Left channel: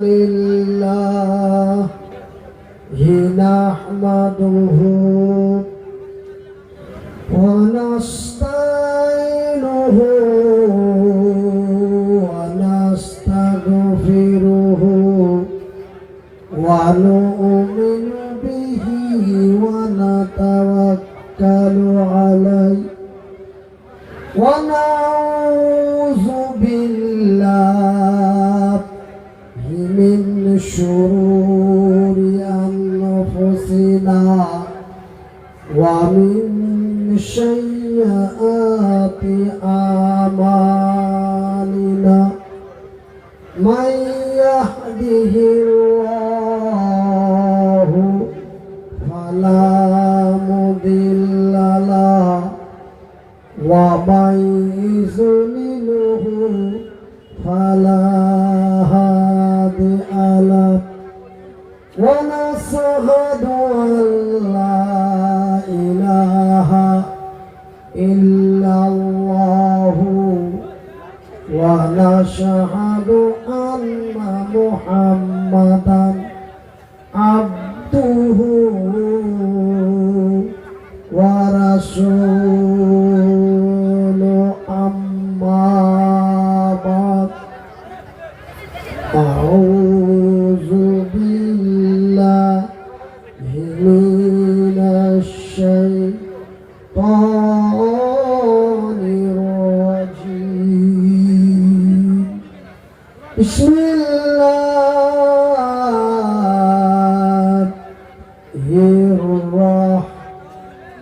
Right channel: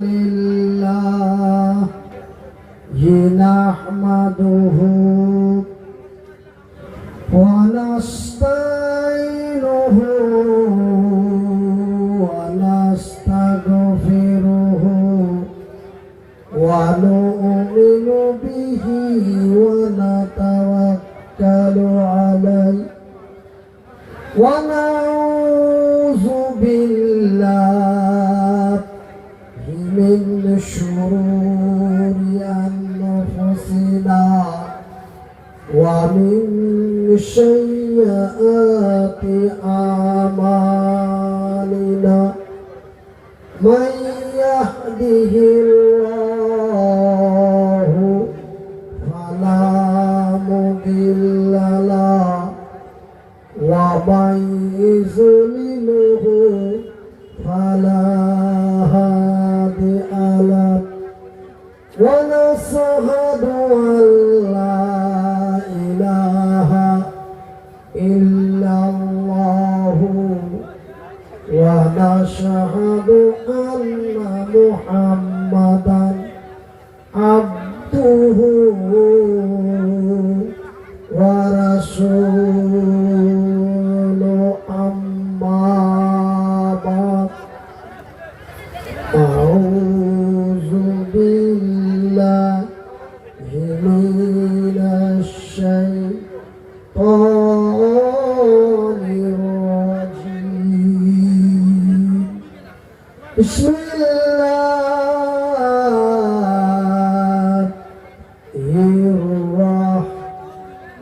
لله نحمده ونستعينه ونستغفره ونؤمن به ونتوكل عليه ونعوذ بالله من شرور أنفسنا ومن سيئات أعمالنا من يهده الله فلا مضل له ومن يضلله فلا هادي له ونشهد أن لا إله إلا الله ونشهد أن محمدا عبده ورسوله أما بعد أعوذ بالله من الشيطان الرجيم بسم الله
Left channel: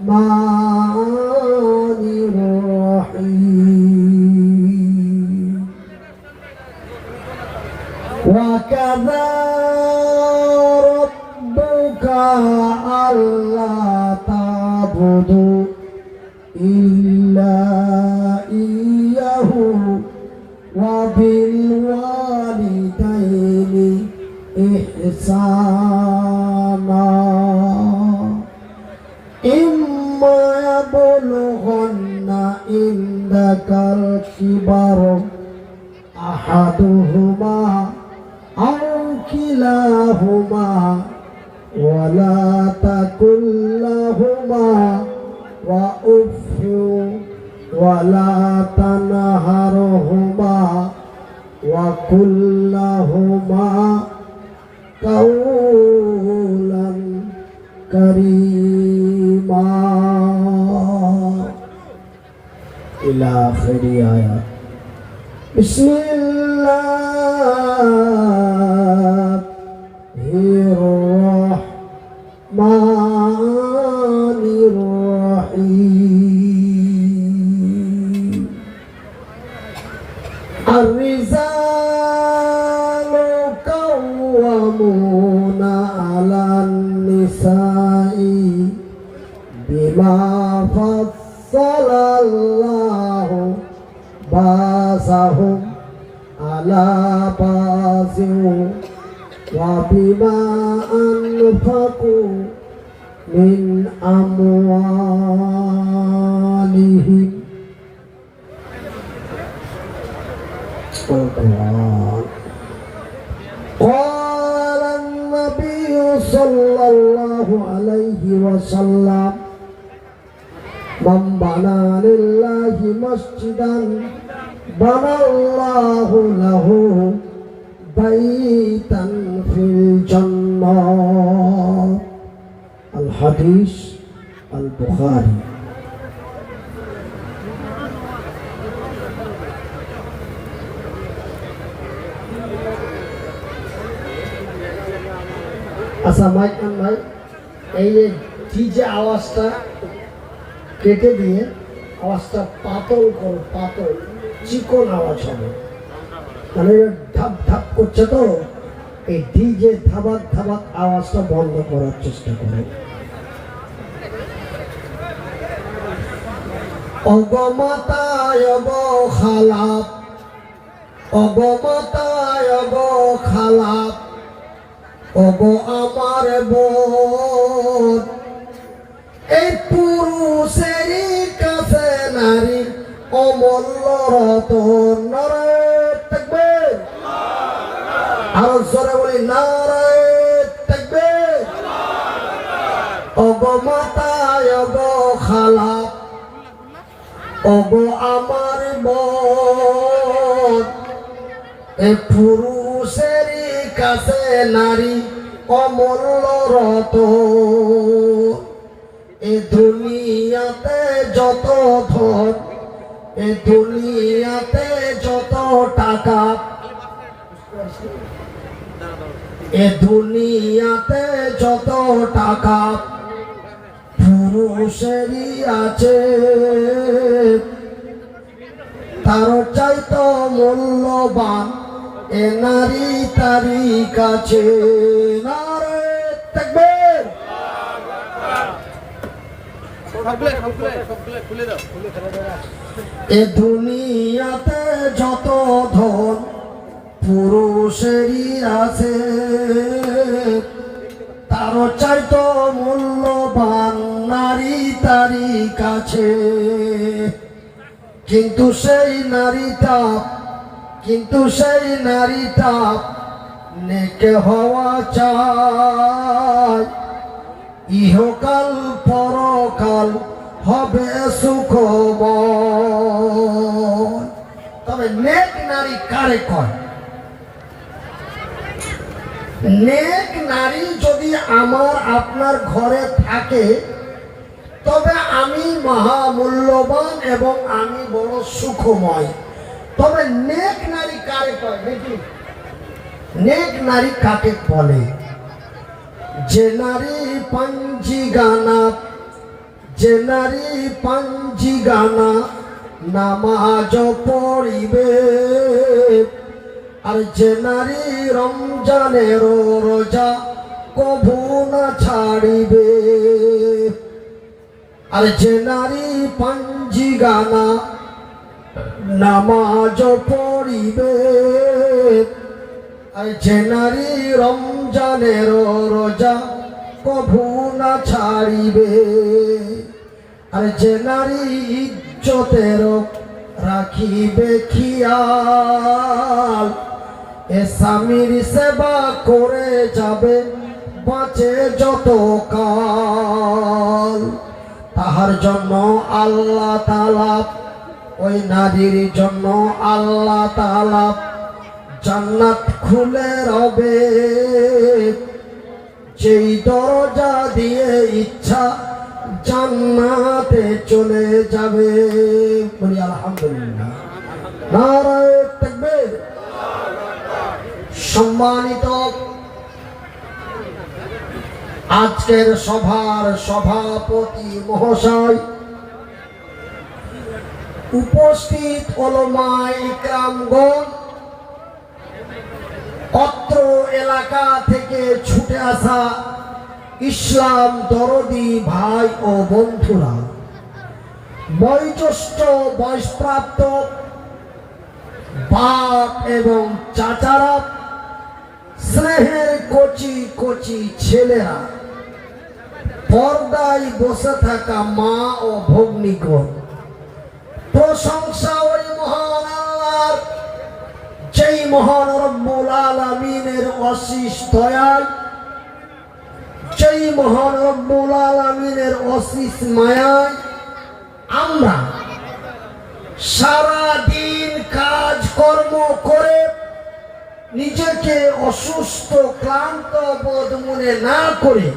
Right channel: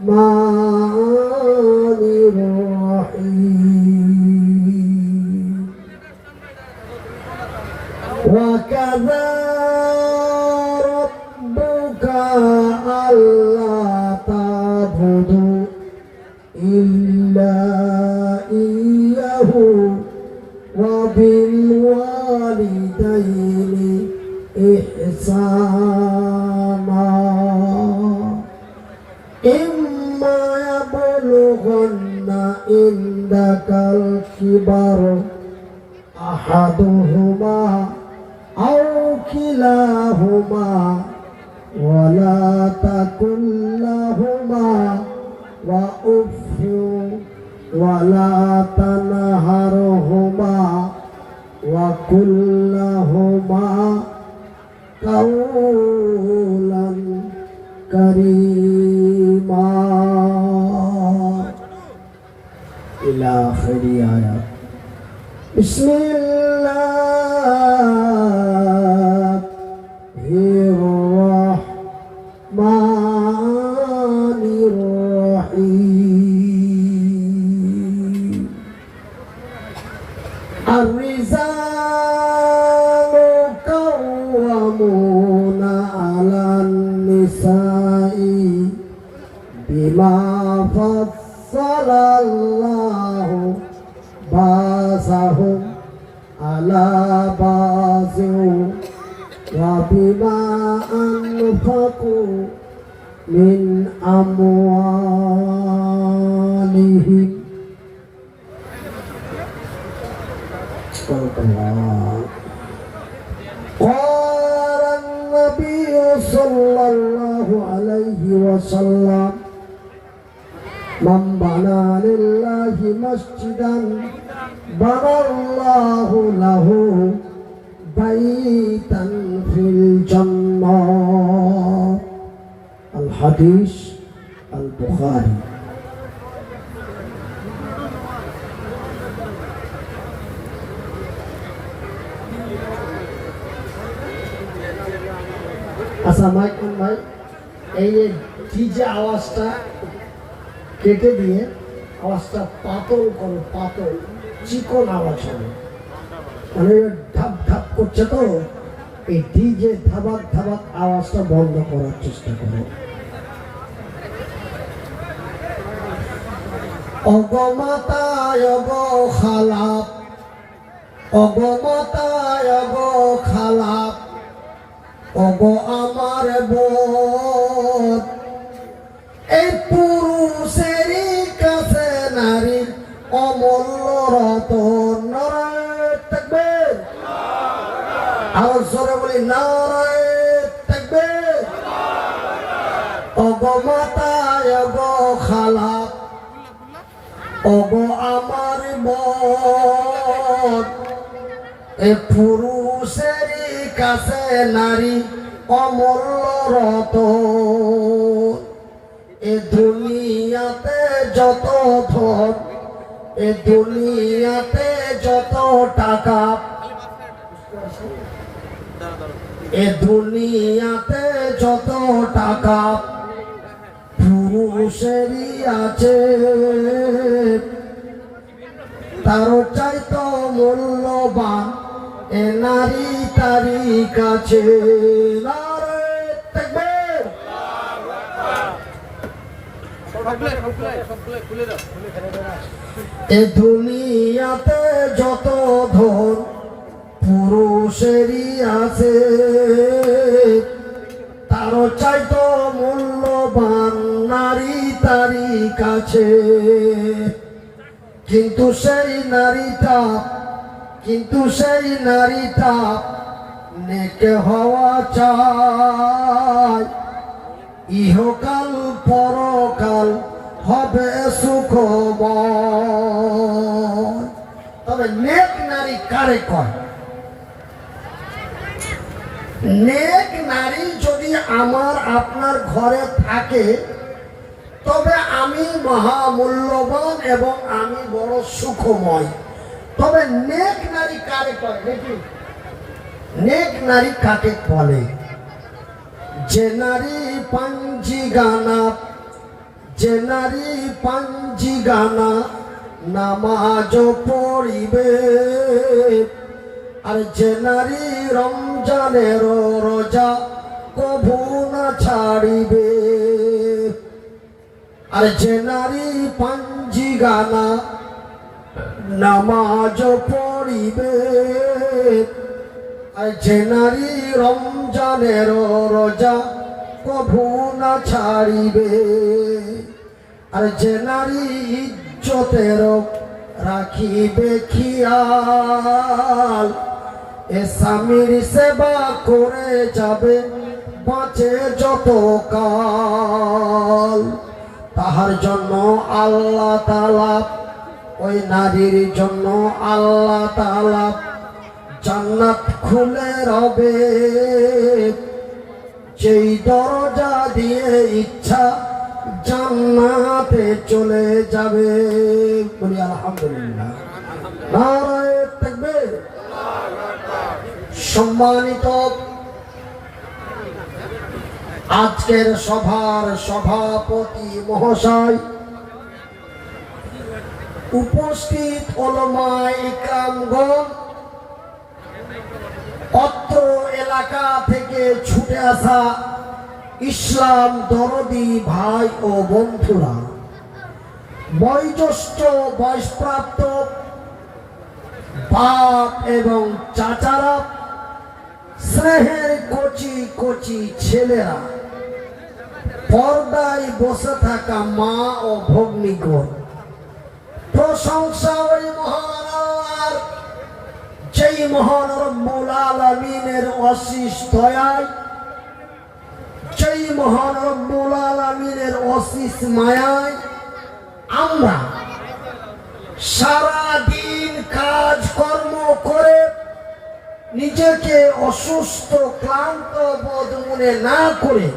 الرحمن الرحيم وكذا ربك ألا تعبدوا إلا إياه وبالوالدين إحسانا إما يبلغن عندك الكبر أحدهما أو كلاهما ولا تقل لهما وأف ولا تنهرهما وقل لهما قولا كريما إلى آخر آيات بسم الله الرحمن الرحيم الرجال قوامون على النساء بما فضل الله بعضهم على بعض وبما أنفقوا من أموالهم قال النبي صلى الله عليه وسلم من بنى لله مسجدا بنى الله له بيتا في الجنة الحديث البخاري আচ্ছা mic on ভাই এই যে আওয়াজটা কেটে দিয়ে আওয়াজটা পাতল করো, পাতল চিকন আওয়াজ হবে, মানে ধাপ ধাপ করছে তো এই ডিজে ধাবাক ধাবাক আওয়াজটা বন্ধ করার চেষ্টা করো। অগমাতায় খালাপ অগমাতায় খালাপ অগ আমার বোন এই পুরুষের কাছে নারী অমূল্য রতন। নারায়ে তাকবীর। আরো জোরে বলি নারায়ে তাকবীর। ওগো মাতা ওগো খালা ওগো আমার বোন, এ পুরুষের কাছে নারী অমূল্য রতন। এ দুনিয়াতে যত ধন, এ দুনিয়াতে যত টাকা, এ দুনিয়াতে যত টাকা পুরুষেরই আছে, তার চাইতো মূল্যবান এ নারী তারি কাছে। নারায়ে তাকবীর। এ দুনিয়াতে যত ধন পুরুষেরই আছে, তার চাইতো মূল্যবান নারী তারি কাছে। কিন্তু সেই নারীটা নেকে হওয়া চায়, ইহকাল পরকাল হবে সুখময়। তবে নেক নারী কারে কয়? নেক নারী যদি আমার আপনার ঘরে থাকে তবে আমি মহামূল্যবান এবং আমি বড় সুখময়। তবে নেক নারী কারে কয় দেখি? নেক নারী কাকে বলে? যে নারী পাঞ্জি গানা নামাজ পড়িবে, আর যে নারী রমজানের রোজা কভু না ছাড়িবে, আর যে নারী পাঞ্জি গানা নামাজ পড়িবে, আর যে নারী রমজানের রোজা কভু না ছাড়িবে, আর যে নারী ইজ্জতের রাখিবে খেয়াল, এ স্বামীর সেবা করে যাবে বাঁচে যত কাল। তাহার জন্য আল্লাহ তাআলা, ওই নারীর জন্য আল্লাহ তাআলা জান্নাত খুলে রবে, যেই দরজা দিয়ে ইচ্ছা জান্নাতে চলে যাবে। বলি আলহামদুলিল্লাহ। নারায়ে তাকবীর। সম্মানিত আজকের সভার সভাপতি মহাশয়, উপস্থিত উলামায়ে ইকরামগণ, অত্র এলাকা থেকে ছুটে আসা ইসলাম দরদি ভাই ও বন্ধুরা, বয়োজ্যেষ্ঠ বয়সপ্রাপ্ত বাপ এবং চাচারা, স্নেহের কচি কচি ছেলেরা, পর্দায় বসে থাকা মা ও ভগ্নীগণ, প্রশংসা ওই মহান আল্লাহর, যেই মহান রব্বুল আলামিনের অশেষ দয়ায়, যেই মহান রব্বুল আলামিনের অশেষ মায়ায় আমরা সারা দিন কাজ কর্ম করে নিজেকে অসুস্থ ক্লান্ত বোধ মনে না করে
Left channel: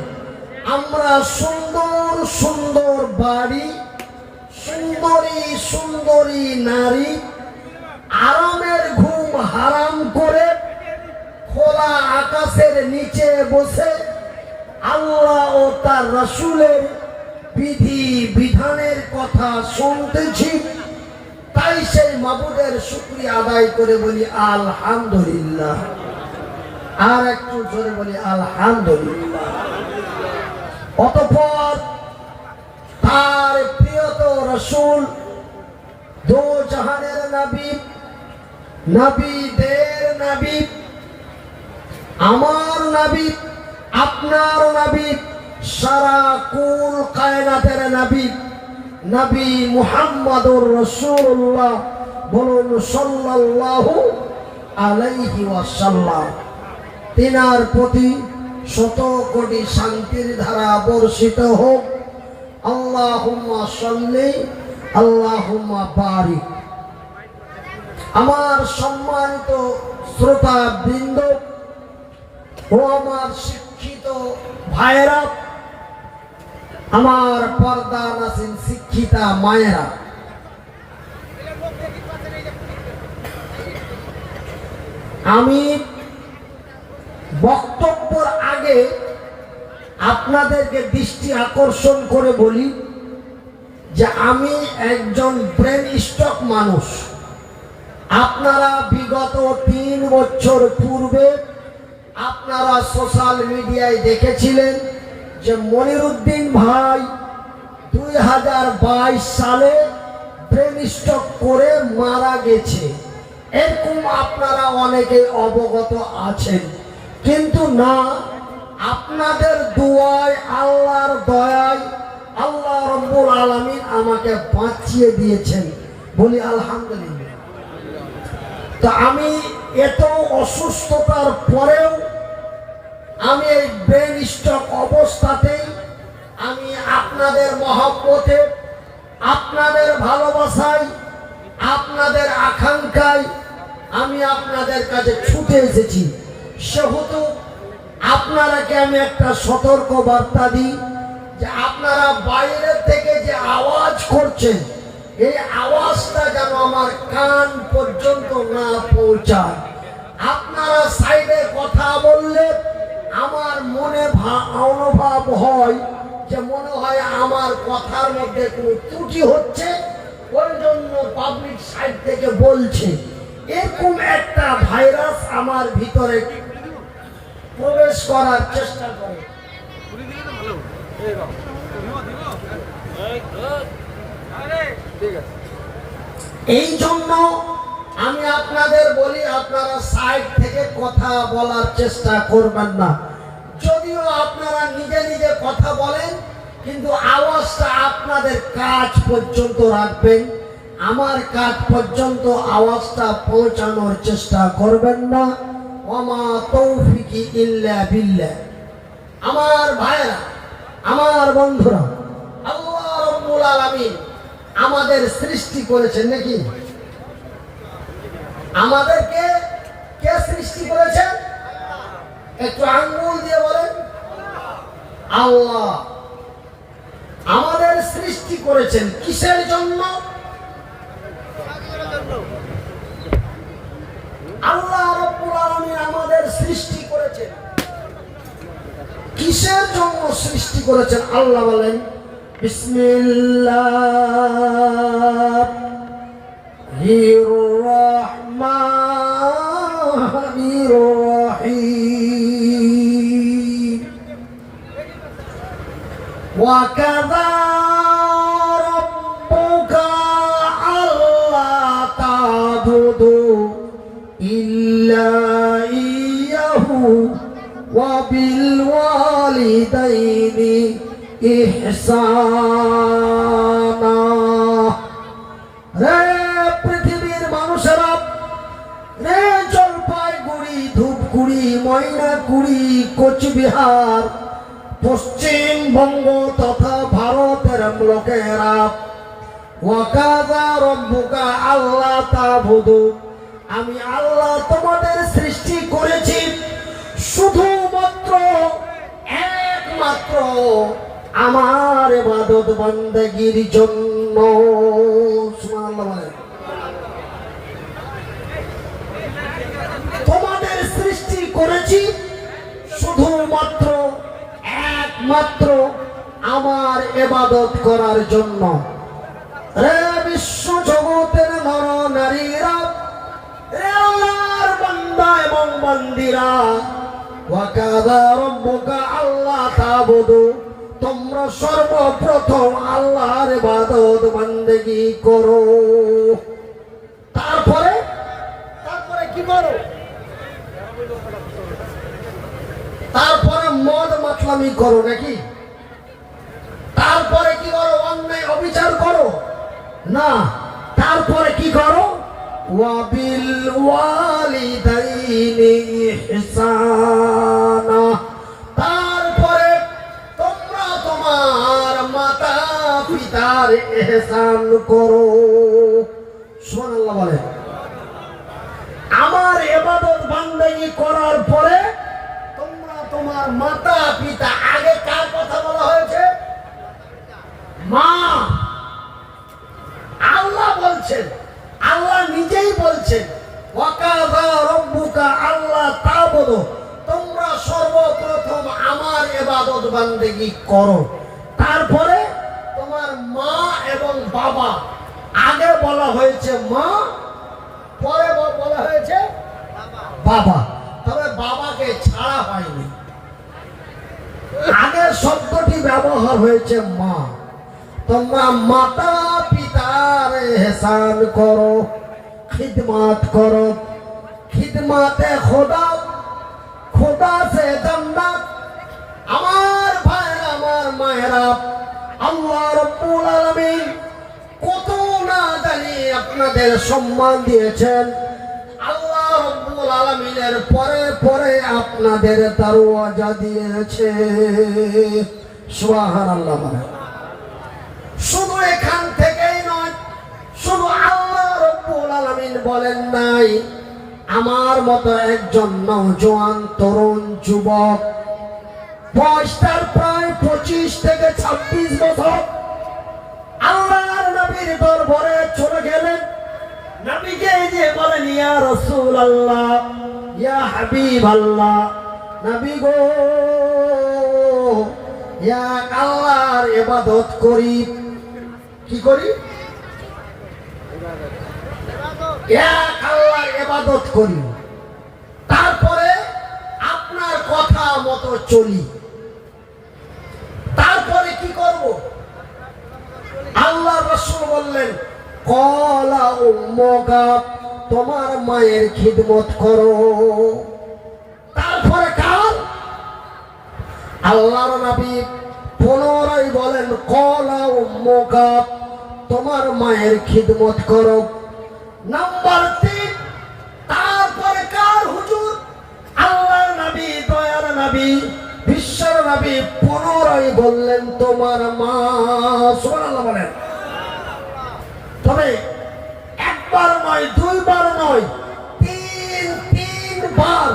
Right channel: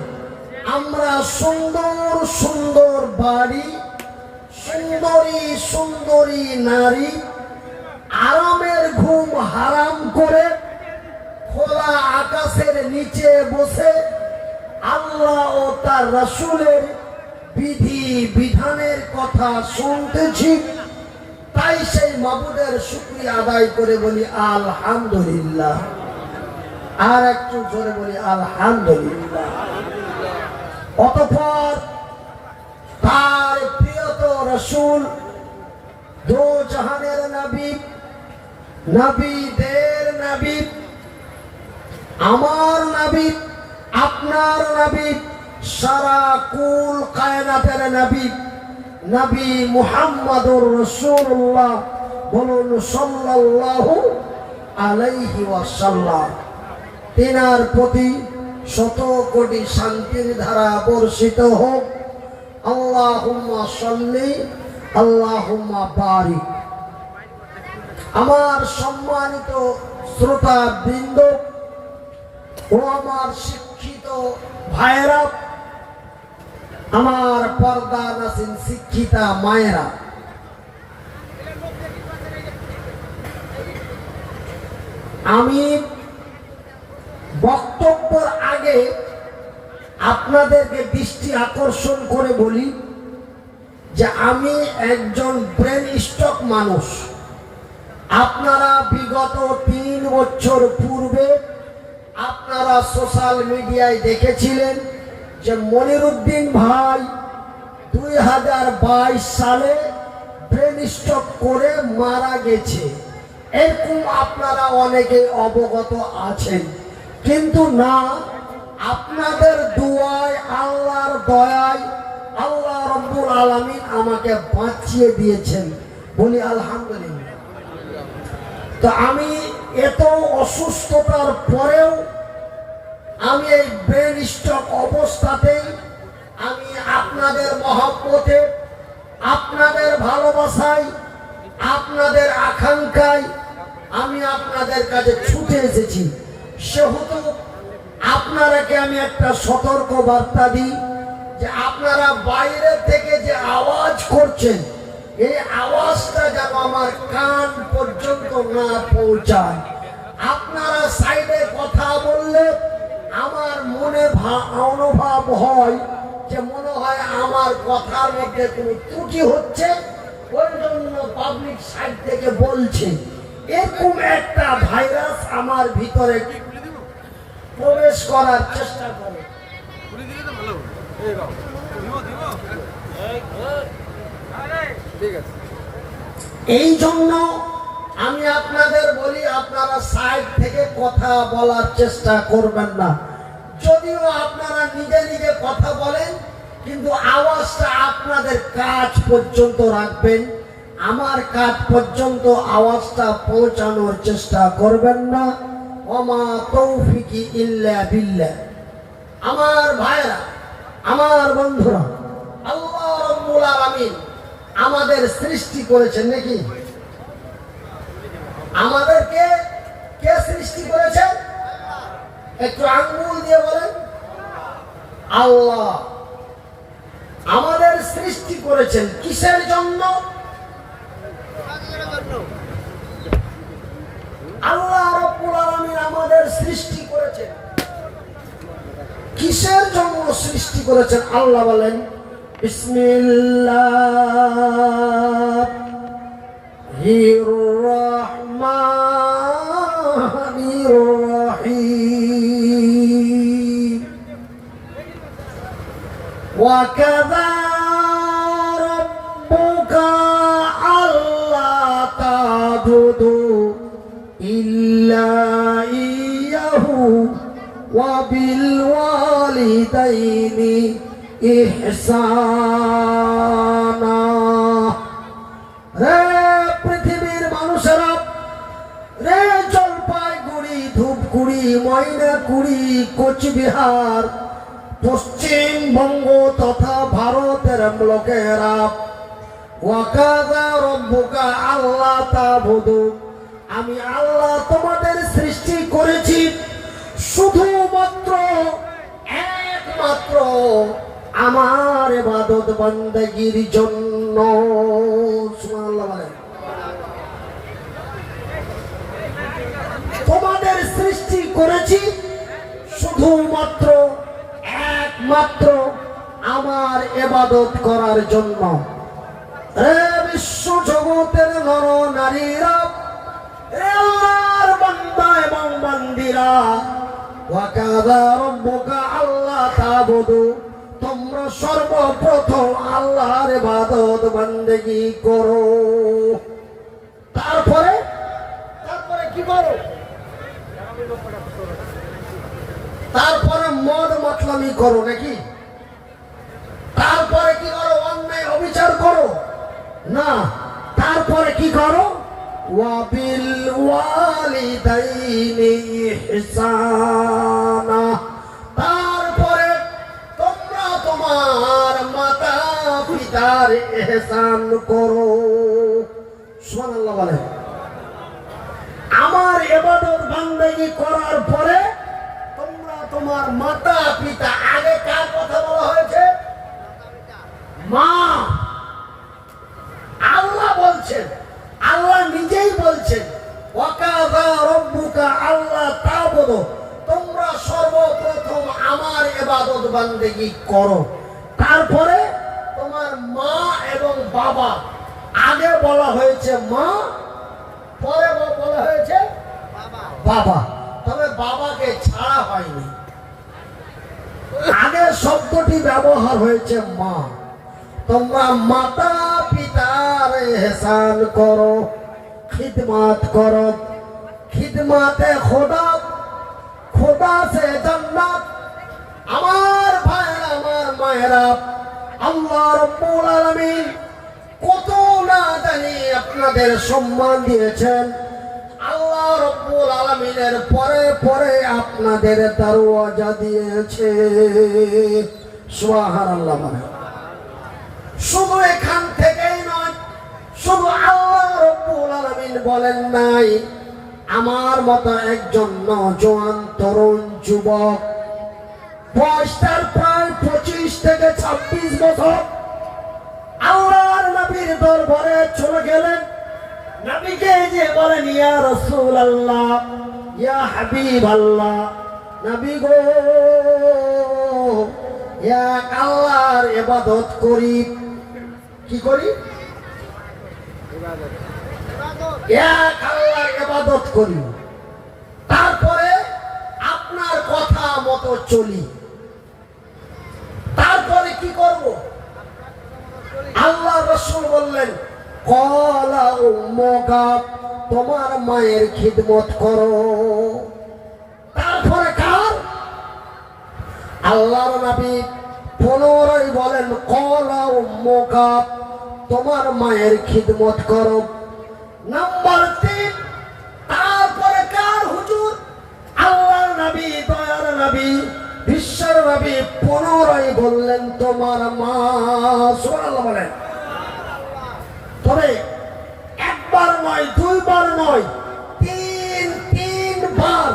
আমরা সুন্দর সুন্দর বাড়ি, সুন্দরী সুন্দরী নারী, আরামের ঘুম হারাম করে খোলা আকাশের নিচে বসে আল্লাহ ও তার রাসূলের বিধি বিধানের কথা শুনতেছি। তাই সেই মাবুদের শুকরিয়া আদায় করে বলি আলহামদুলিল্লাহ। আর একটু জোরে বলি আলহামদুলিল্লাহ। অতঃপর তার প্রিয়ত রাসূল, দো জাহানের নবী, নবীদের নবী, আমার নবী, আপনার নবী, সারা কুল কায়নাতের নবী, নবী মুহাম্মদুর রাসূলুল্লাহ, বলুন সাল্লাল্লাহু আলাইহি ওয়াসাল্লাম। তিনার প্রতি শত কোটি শান্তির ধারা বর্ষিত হোক। আল্লাহুম্মা সাল্লি আল্লাহুম্মা বারিক। আমার সম্মানিত শ্রোতা বৃন্দ ও আমার শিক্ষিত ভাইয়েরা, আমার পর্দা নাসিন শিক্ষিতা মায়েরা, আমি বক্তব্যের আগে আপনাদেরকে দৃষ্টি আকর্ষণ করে বলি যে আমি একজন ব্রেন স্ট্রোক মানুষ। আপনারা বিগত 3 বছর পূর্বে আপনারা সোশ্যাল মিডিয়ায় দেখেছিলেন যে মনিরুদ্দিন ভাই 2022 সালে ব্রেন স্ট্রোক করে মারা গেছে। এরকম আপনারা অনেকে অবগত আছেন, কিন্তু না, আপনাদের দোয়ায়, আল্লাহর দয়ায় আল্লাহ রাব্বুল আলামিন আমাকে বাঁচিয়ে দিয়েছেন, বলি আলহামদুলিল্লাহ। তো আমি এত অসুস্থতার পরেও আমি এই ব্রেন স্ট্রোক অবস্থাতেই আমি আপনাদের মহব্বতে, আপনাদের ভালোবাসায়, আপনাদের আকাঙ্ক্ষায় আমি আপনাদের কাছে ছুটে এসেছি। সেহেতু আপনারাকে আমি একটা সতর্ক বার্তা দিই যে আপনারা বাইরে থেকে যে আওয়াজ করছেন, এই আওয়াজটা যেন আমার কান পর্যন্ত না পৌঁছায়। আপনারা সাইডে কথা বললে আমার মনে অনুভব হয় যে মনে হয় আমার কথার মধ্যে কোনো ত্রুটি হচ্ছে, ওই জন্য পাবলিক সাইড থেকে বলছে। এরকম একটা ভাইরাস আমার ভিতরে প্রবেশ করার চেষ্টা করে। এই জন্য আমি আপনাদের বলি, আপনারা সাইড থেকে কথা বলার চেষ্টা করবেন না। যদিও আপনারা নিজে নিজে কথা বলেন, কিন্তু আওয়াজটা আপনাদের কাছ পর্যন্ত রাখবেন। আমার কাছ পর্যন্ত আওয়াজটা পৌঁছানোর চেষ্টা করবেন না। ওমা তৌফিকি ইল্লা বিল্লাহ। আমার ভাইরা, আমার বন্ধুরা, আল্লাহ রাব্বুল আলামিন আমাদের সৃষ্টি করেছেন নাকি? আমাদেরকে কে সৃষ্টি করেছেন? একটু আঙ্গুল দিয়ে বলেন। আল্লাহ আমাদের সৃষ্টি করেছেন কিসের জন্য? আল্লাহ রাব্বুল আলামিন আমাদের সৃষ্টি করেছেন কিসের জন্য সৃষ্টি করেছেন? আল্লাহ বলেন, বিসমিল্লাহির রহমানির রহিম। ওয়া কাযা রাব্বুকা আল্লা তা'বুদু ইল্লা ইয়্যাহু ওয়া বিল ওয়ালিদাইনি ইহসানা। রে পৃথিবীর মানুষেরা, রে জলপাইগুড়ি, ধূপগুড়ি, ময়নাগুড়ি, কোচবিহার, পশ্চিমবঙ্গ তথা ভারতের লোকেরা, ওয়া কাযা রাব্বুকা আল্লা তা'বুদু, আমি আল্লাহ তোমাদের সৃষ্টি করেছি শুধুমাত্র একমাত্র আমার ইবাদত বান্দাগির জন্য। সুবহানাল্লাহ। তোমাদের সৃষ্টি করেছি শুধুমাত্র একমাত্র আমার ইবাদত করার জন্য। রে বিশ্ব জগতের নর নারীরা, রে আল্লাহর বান্দা এবং বান্দিরা, ওয়া কাযা রাব্বুকা আল্লা তা'বুদু, তোমরা সর্বপ্রথম আল্লাহর ইবাদত বান্দেগি করো। তারপরে কি করো? তারপরে মদ মাতলামি করো নাকি? তারপরে কি করো? অন্যায় অবিচার করো না। তারপরে কি করো? ওয়া বিল ওয়ালিদাইনি ইহসান। ইহসান করো। সুবহানাল্লাহ বলেন। আমার ইবাদত বান্দেগি করার পরে তোমরা তোমার মাতা পিতা, আগে কার কথা বলা হয়েছে? মা। আল্লাহ বলছেন, আল্লাহ নিজেই বলছেন ওয়াকাযা রাব্বুকা আল্লা তা'বুদু, তোমরা সর্বপ্রথম আমার ইবাদত বান্দেগি করো। তারপরে তোমার মা এবং বাবা, আগে বলা হয়েছে মা, পরে বলা হয়েছে বাবা। তবে বাবাকে ছাড়া হয়নি, আগের শব্দটি ব্যবহার হয়েছে মা। তোমরা মাতা পিতার ইহসান করো, খিদমত করো। খিদমতে খোদা, খোদা সে জান্নাত। আমার ভাইরা, আমার মায়েরা, আল্লাহ রাব্বুল আলামিন কত না জানি আপনাদের সম্মান দিয়েছেন। আল্লাহ রাব্বুল আলামিনের পরে পরে আপনাদের দরওয়াজা দিয়েছে। সুবহানাল্লাহ। শুধু এখান থেকেই নয়, শুধু আল্লাহ রাব্বুল আলামিন বলেন নাই আমার মতো একজন নওজোয়ান তরুণ যুবক, বয়সটার প্রায় 25 থেকে 26 বছর, আল্লাহর নবীর দরবারে চলে গেলেন। নবীকে যে বলেন ইয়া রাসূলুল্লাহ, ইয়া হাবিবাল্লাহ, নবী গো, ইয়া আল্লাহর ইবাদত করি। কি করি? ইয়া আল্লাহর ইবাদত করি, তারপরে আপনার কথা মতো চলি। তারপরে কি করব? আল্লাহ রাসূল বললেন ক্বালা উম্মুকা, তোমার মায়ের খিদমত করো। তারপরে কার? আল্লাহর নবী পুনরায় বলেন ক্বালা উম্মুকা, তোমার মায়ের খিদমত করো। নাম্বার 3, তারপরে কার হুজুর? আল্লাহর নবী, দয়ার নবী, বিশ্বর নবী পুনরায় বললেন তোমার মা। সুবহানাল্লাহ বলেন। তবে একবার নয়, দুইবার নয়, তিনবার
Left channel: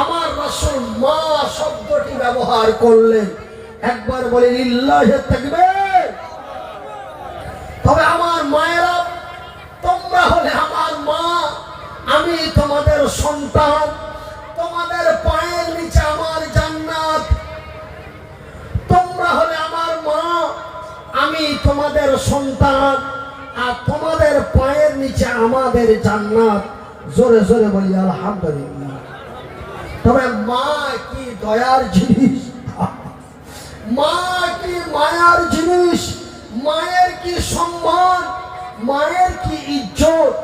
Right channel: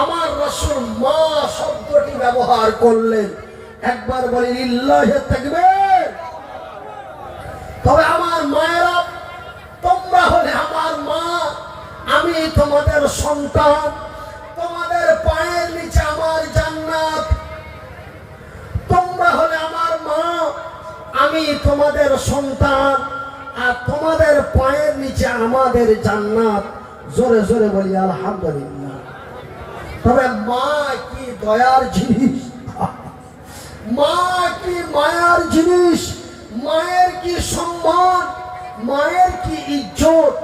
আমার রাসূল মা শব্দটি ব্যবহার করলেন। একবার বলেন লিল্লাহি তাকবীর। তবে আমার মায়েরা, তোমরা হলে আমার মা, আমি তোমাদের সন্তান, তোমাদের পায়ের নিচে আমার জান্নাত। তোমরা হলে আমার মা, আমি তোমাদের সন্তান, আর তোমাদের পায়ের নিচে আমাদের জান্নাত। জোরে জোরে বলি আলহামদুলিল্লাহ। তবে মা কি দয়ার জিনিস, মা কি মায়ার জিনিস, মায়ের কি সম্মান, মায়ের কি ইজ্জত।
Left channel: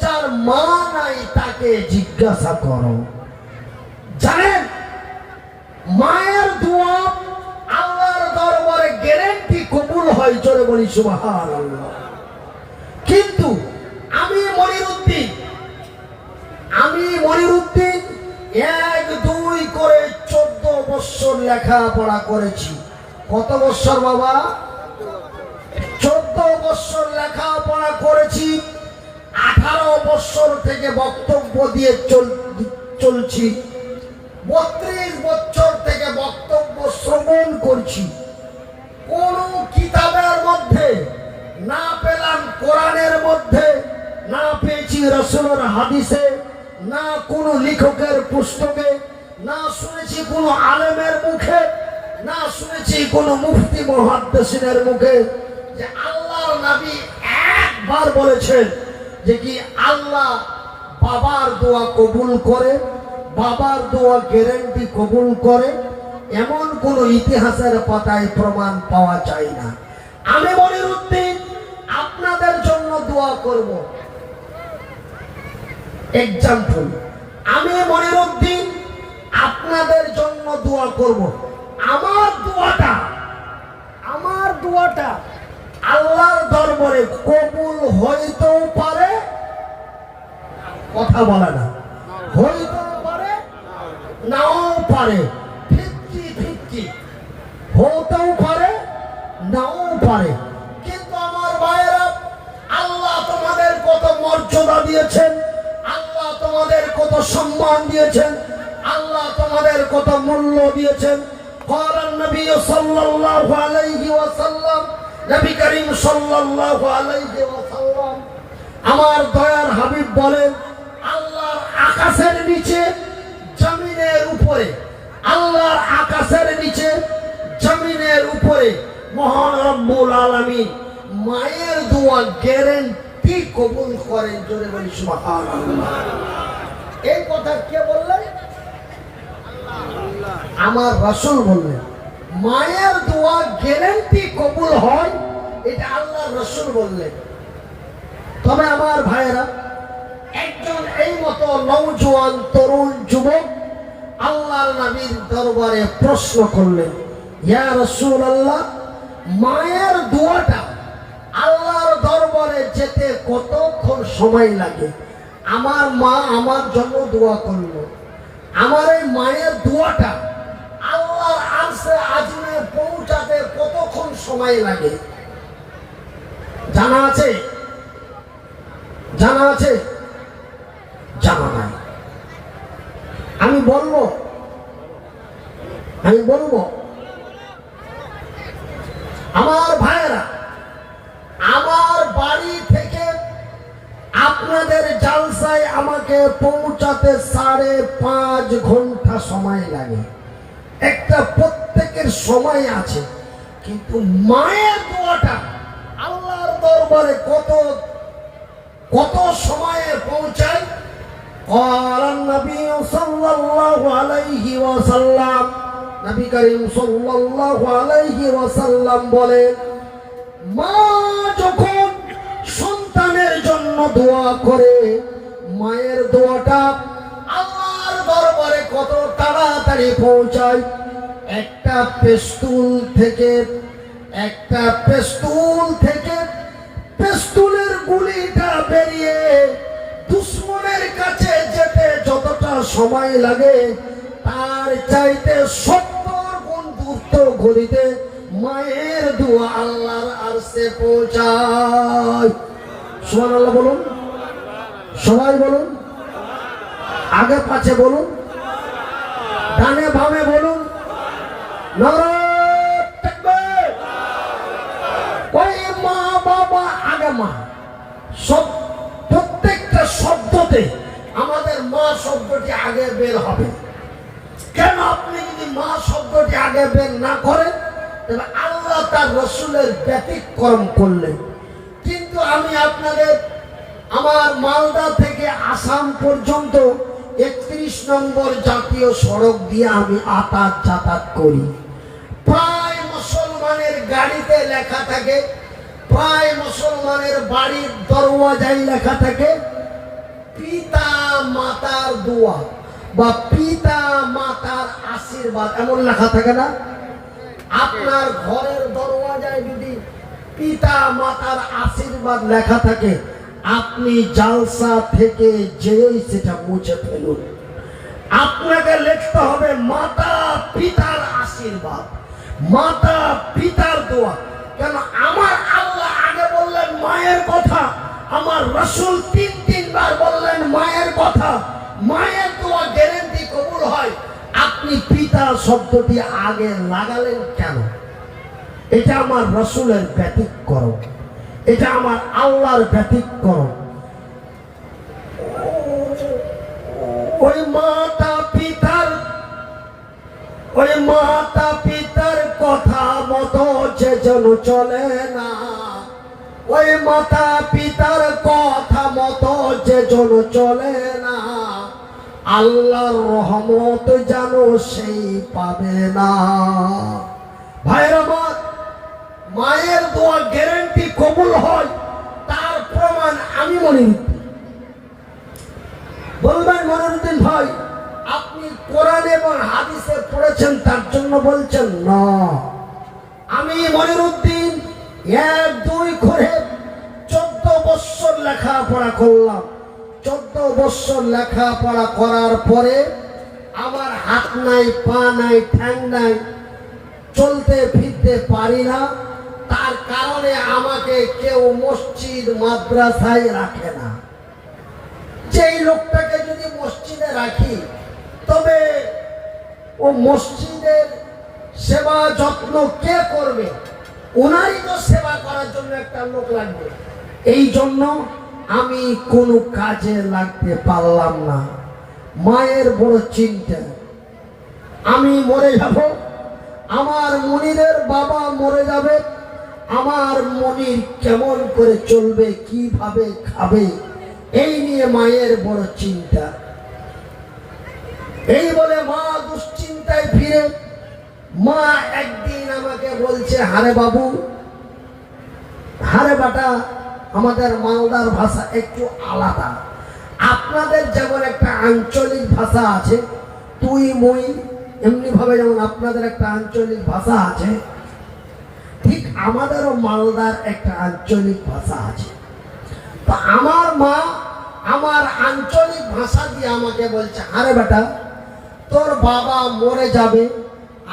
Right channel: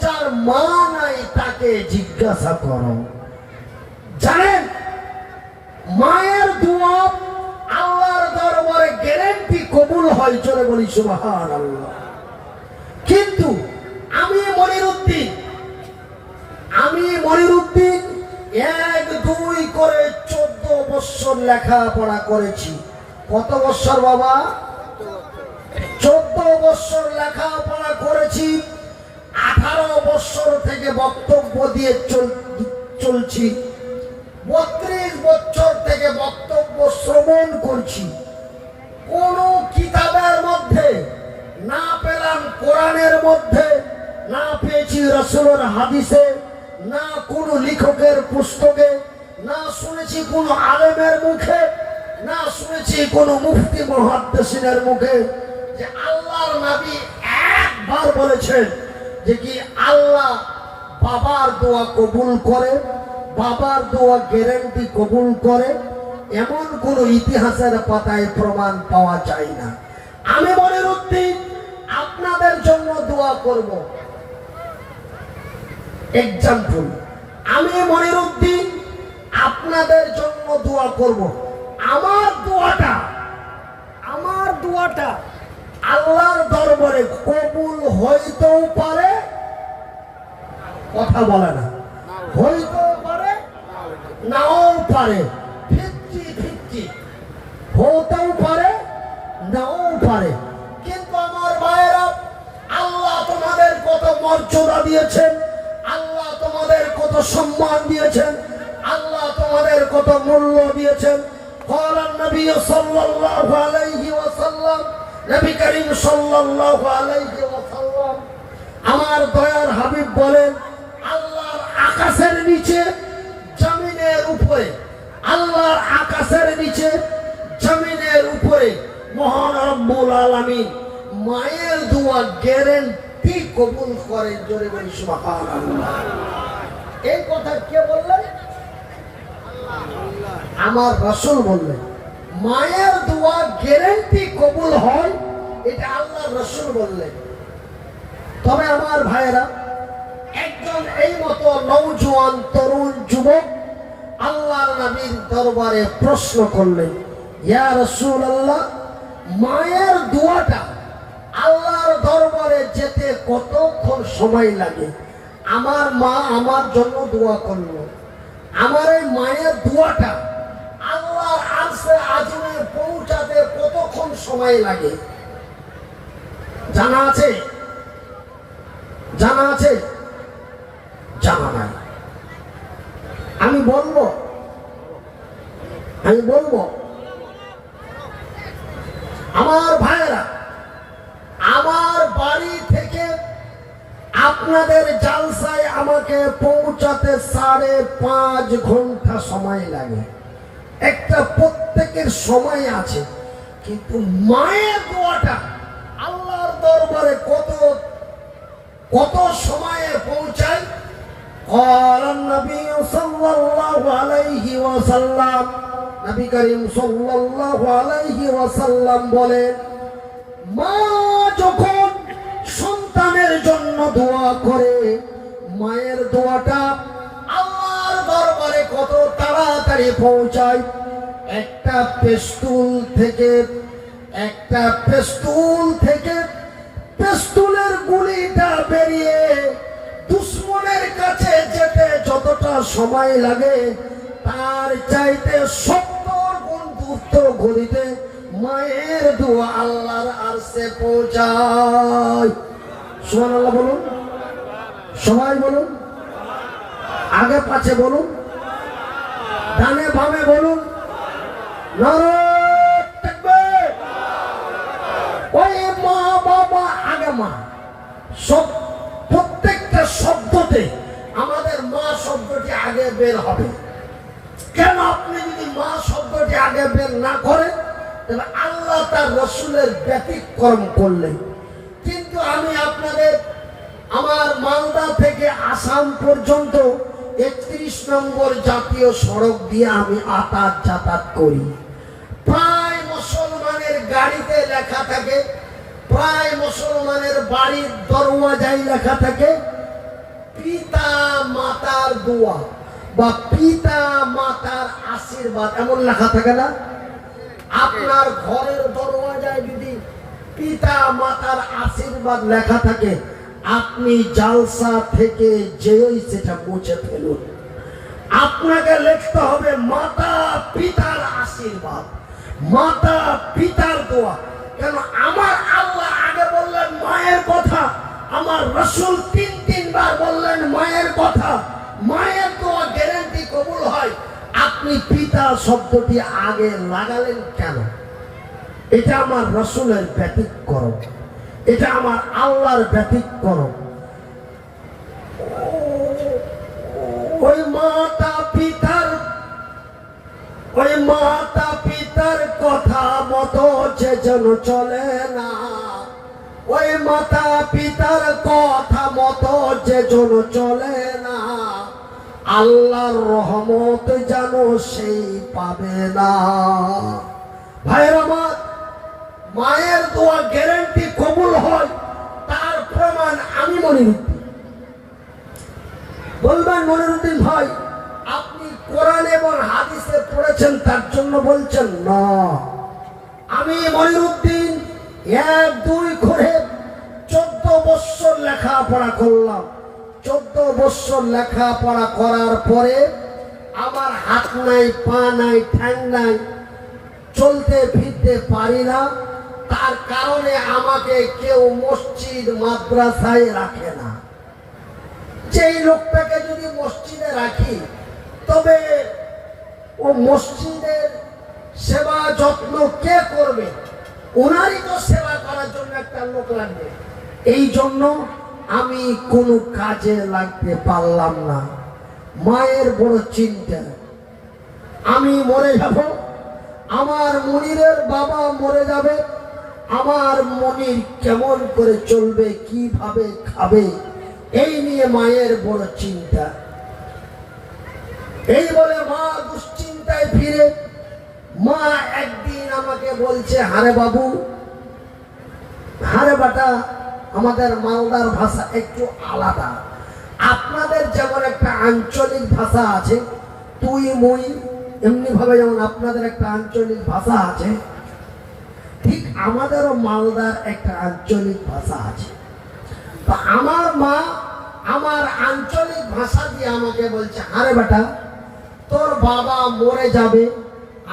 যার মা নাই তাকে জিজ্ঞাসা করো। জানেন, মায়ের দোয়া আল্লাহর দরবারে গ্যারান্টি কবুল হয়। জোরে বলি সুবহানাল্লাহ। কিন্তু আমি মনিরউদ্দিন 1-2 করে 14 বছর লেখাপড়া করেছি। কত বছর বাবা? 14 বছর লেখাপড়া করেছি। 18 বছর থেকে বক্তব্য দিয়ে চলছি। 32 বছর থেকে বক্তব্য শ্রবণ করছি। কোন কিতাবের মধ্যে না পেলাম, কোরআনের মধ্যে না পেয়েছি, রাসূলের হাদিসে না, কোন লেখকের পুস্তকে না, শুনেছি কোন আলেমের মুখে না, শুনেছি কোন মুফতি মুহাদ্দিসিনের মুখে যে আল্লাহর নবী একবার বলেছেন যে কি আল্লাহ বাবার দোয়া কবুল করে, বাবার দোয়া গ্যারান্টি কবুল করে। এমন কোন ইতিহাসের পাতায় প্রমাণ পাওয়া যায় না। আমি মনিরউদ্দিন আপনাদের জন্য দোয়া করব। এক্সাম্পল, আমি মনিরউদ্দিন আপনাদের জন্য দোয়া করব। আমার দোয়াটা আল্লাহর দরবারে কবুল হইতেও পারে, কথা বলে না, হইতেও পারে, নাও পারে, 50-50 হতেও পারে, নাও পারে। কিন্তু দিয়েছেন, আল্লাহ তোমাদের কত সম্মান দিয়েছেন, আল্লাহ তোমাদের কত মূল্য দিয়েছেন। ক্বালান নবী সাল্লাল্লাহু আলাইহি ওয়াসাল্লাম, নবী করিম সাল্লাল্লাহু আলাইহি ওয়াসাল্লাম আমার দয়ার হাবিব বলেন, আল্লাহর আকাশের নিচে জমিনের উপরে, আল্লাহর আকাশের নিচে জমিনের উপরে মহান রব্বুল আলামিন মায়ের দোয়া গ্যারান্টি কবুল করেন। জোরে বলি সুবহানাল্লাহ। এই কথা কে বললেন? আমার রাসূল বললেন। মায়ের দোয়া গ্যারান্টি কবুল হয়, এটা আল্লাহ রাসূল বললেন। তবে আমার ভাইয়েরা, একজন এই মতো নওজোয়ান তরুণ যুবক আল্লাহর নবীর দরবারে প্রশ্ন করলেন, ইয়া রাসূলুল্লাহ, মায়ের দোয়াটা আল্লাহর দরবারে যেতে কতক্ষণ সময় লাগে? আমার মা আমার জন্য দোয়া করলো, আমার এই মায়ের দোয়াটা আল্লাহর আরশে আজিমে পৌঁছাতে কতক্ষণ সময় লাগে? জানা আছে? জানা আছে? জানা নাই? আমি বলবো আমার ভাইয়েরা, আমার বাড়ি থেকে আপনাদের জালসায় আমাকে পৌঁছাতে 5.5 ঘন্টা সময় লাগে। একটা প্রত্যেকের সময় আছে, কিন্তু মায়ের দোয়াটা আল্লাহর দরবারে কত সময়ে পৌঁছায়? ক্বালান নবী সাল্লাল্লাহু আলাইহি ওয়াসাল্লাম, নবী করিম সাল্লাল্লাহু আলাইহি ওয়াসাল্লাম বলেন, মা যখন সন্তানের জন্য দোয়া করে, মায়ের দোয়াটা আল্লাহর দরবারে কত তাড়াতাড়ি পৌঁছায়। একটা পেস্তুল থেকে পেস্তুলের গুলিটা বেরিয়ে দুশ্মনের কাছে যেতে যতটা সময় লাগে, তার চাইতে 70 গুণ দ্রুত গতিতে মায়ের দোয়া আল্লাহর আরশে পৌঁছায়। সুবহানাল্লাহ বলুন, সবাই বলুন, আগে পাছে বলুন, ডানে বামে বলুন, নারে তাকবীর। ওই মা বাবা আগে মা, সব প্রত্যেকটা শব্দতে আমাদের মা শব্দটি আগে বের হবে। কেন? আপনি যদি মা শব্দটি আগে বের না করেন, তবে আল্লাহ তার রাসূলের ব্যতিক্রম করলেন। কিন্তু আমি আপনাদের আমার মালদা থেকে আসাম পর্যন্ত 31 নম্বর জাতীয় সড়ক দিয়ে আমি যাতায়াত করি। প্রায় মুসলমানের গাড়িতে লেখা থাকে, প্রায় মুসলমানের বাড়ির দরওয়াজায় লেখা থাকে পিতা মাতার দোয়া বা পিতা মাতার আশীর্বাদ, এমন লেখা থাকে না? আপনার ঘরের দরওয়াজায় যদি পিতা মাতার আশীর্বাদ লেখা থাকে, আপনি জালসা থেকে যেই সেটা মুছে ফেলুন। আপনাকে লিখতে হবে মাতা পিতার আশীর্বাদ, মাতা পিতার দোয়া। কেন? আমার আল্লাহ আগে বললেন মায়ের কথা, আমার রাসূল 3 বার বললেন মায়ের কথা। মায়ের দোয়া গ্যারান্টি কবুল হয়। আপনি পিতা শব্দটি আগে লাগালেন কেন? এটা আমার রাসূলের ব্যতিক্রম, এটা আমার আল্লাহর ব্যতিক্রম। ওই মাতা পিতার কথা মতো যে যেন চলে না, ওই মাতা পিতার কথা মতো যে যেন চলে না, আল্লাহর রহমত যেন সেই পাবে না। ভাইয়ের আমার, মায়ের দোয়া গ্যারান্টি কবুল হয়, তার প্রমাণ আমি মনিরুদ্দিন। বলবেন মনিরুদ্দিন ভাই, আপনি কোরআন এবং হাদিসে পড়েছেন তার জন্য বলছেন? না, আমি মনিরুদ্দিন 1-2 করে 14 বছর লেখাপড়া করলাম। 14 বছর লেখাপড়া করার পরে আমার হাত নাই, পা নাই, ঠ্যাং নাই, চলতে ফিরতে পারি না। তার কারণে আমাকে কেউ মসজিদ মাদ্রাসায় রাখে না। যে এই লোকটাকে যদি মসজিদে রাখি তবে ও মসজিদের সেবা যত্ন কে করবে? ওনারই তো সেবা করার জন্য একটা লোক লাগবে। এই জন্য আমি কোনো কাজে লাগতে পারলাম না। মায়ের বড় চিন্তা, আমি মরে যাব, আমার মনিরের বাবা মরে যাবে, আমার মনির কেমন করে চলবে, কিভাবে খাবে, এই নিয়ে মায়ের বড় চিন্তা। এই বলে মা দুশ্চিন্তায় ফিরে মা একদিন আমাকে বলছে, হারে বাবু, হারে বাটা, আমাদের মালদার ভাষা একটু আলাদা। আপনাদের যেমন একটা আঞ্চলিক ভাষা আছে তুই মুই, এমনি ভাবে যেমন আপনাদের একটা আঞ্চলিক ভাষা আছে, ঠিক আমাদেরও মালদার একটা আঞ্চলিক ভাষা আছে। তো আমার মা আমার আঞ্চলিক ভাষা দিয়ে আমাকে বলছে, আরে বেটা, তোর বাবা মরে যাবে,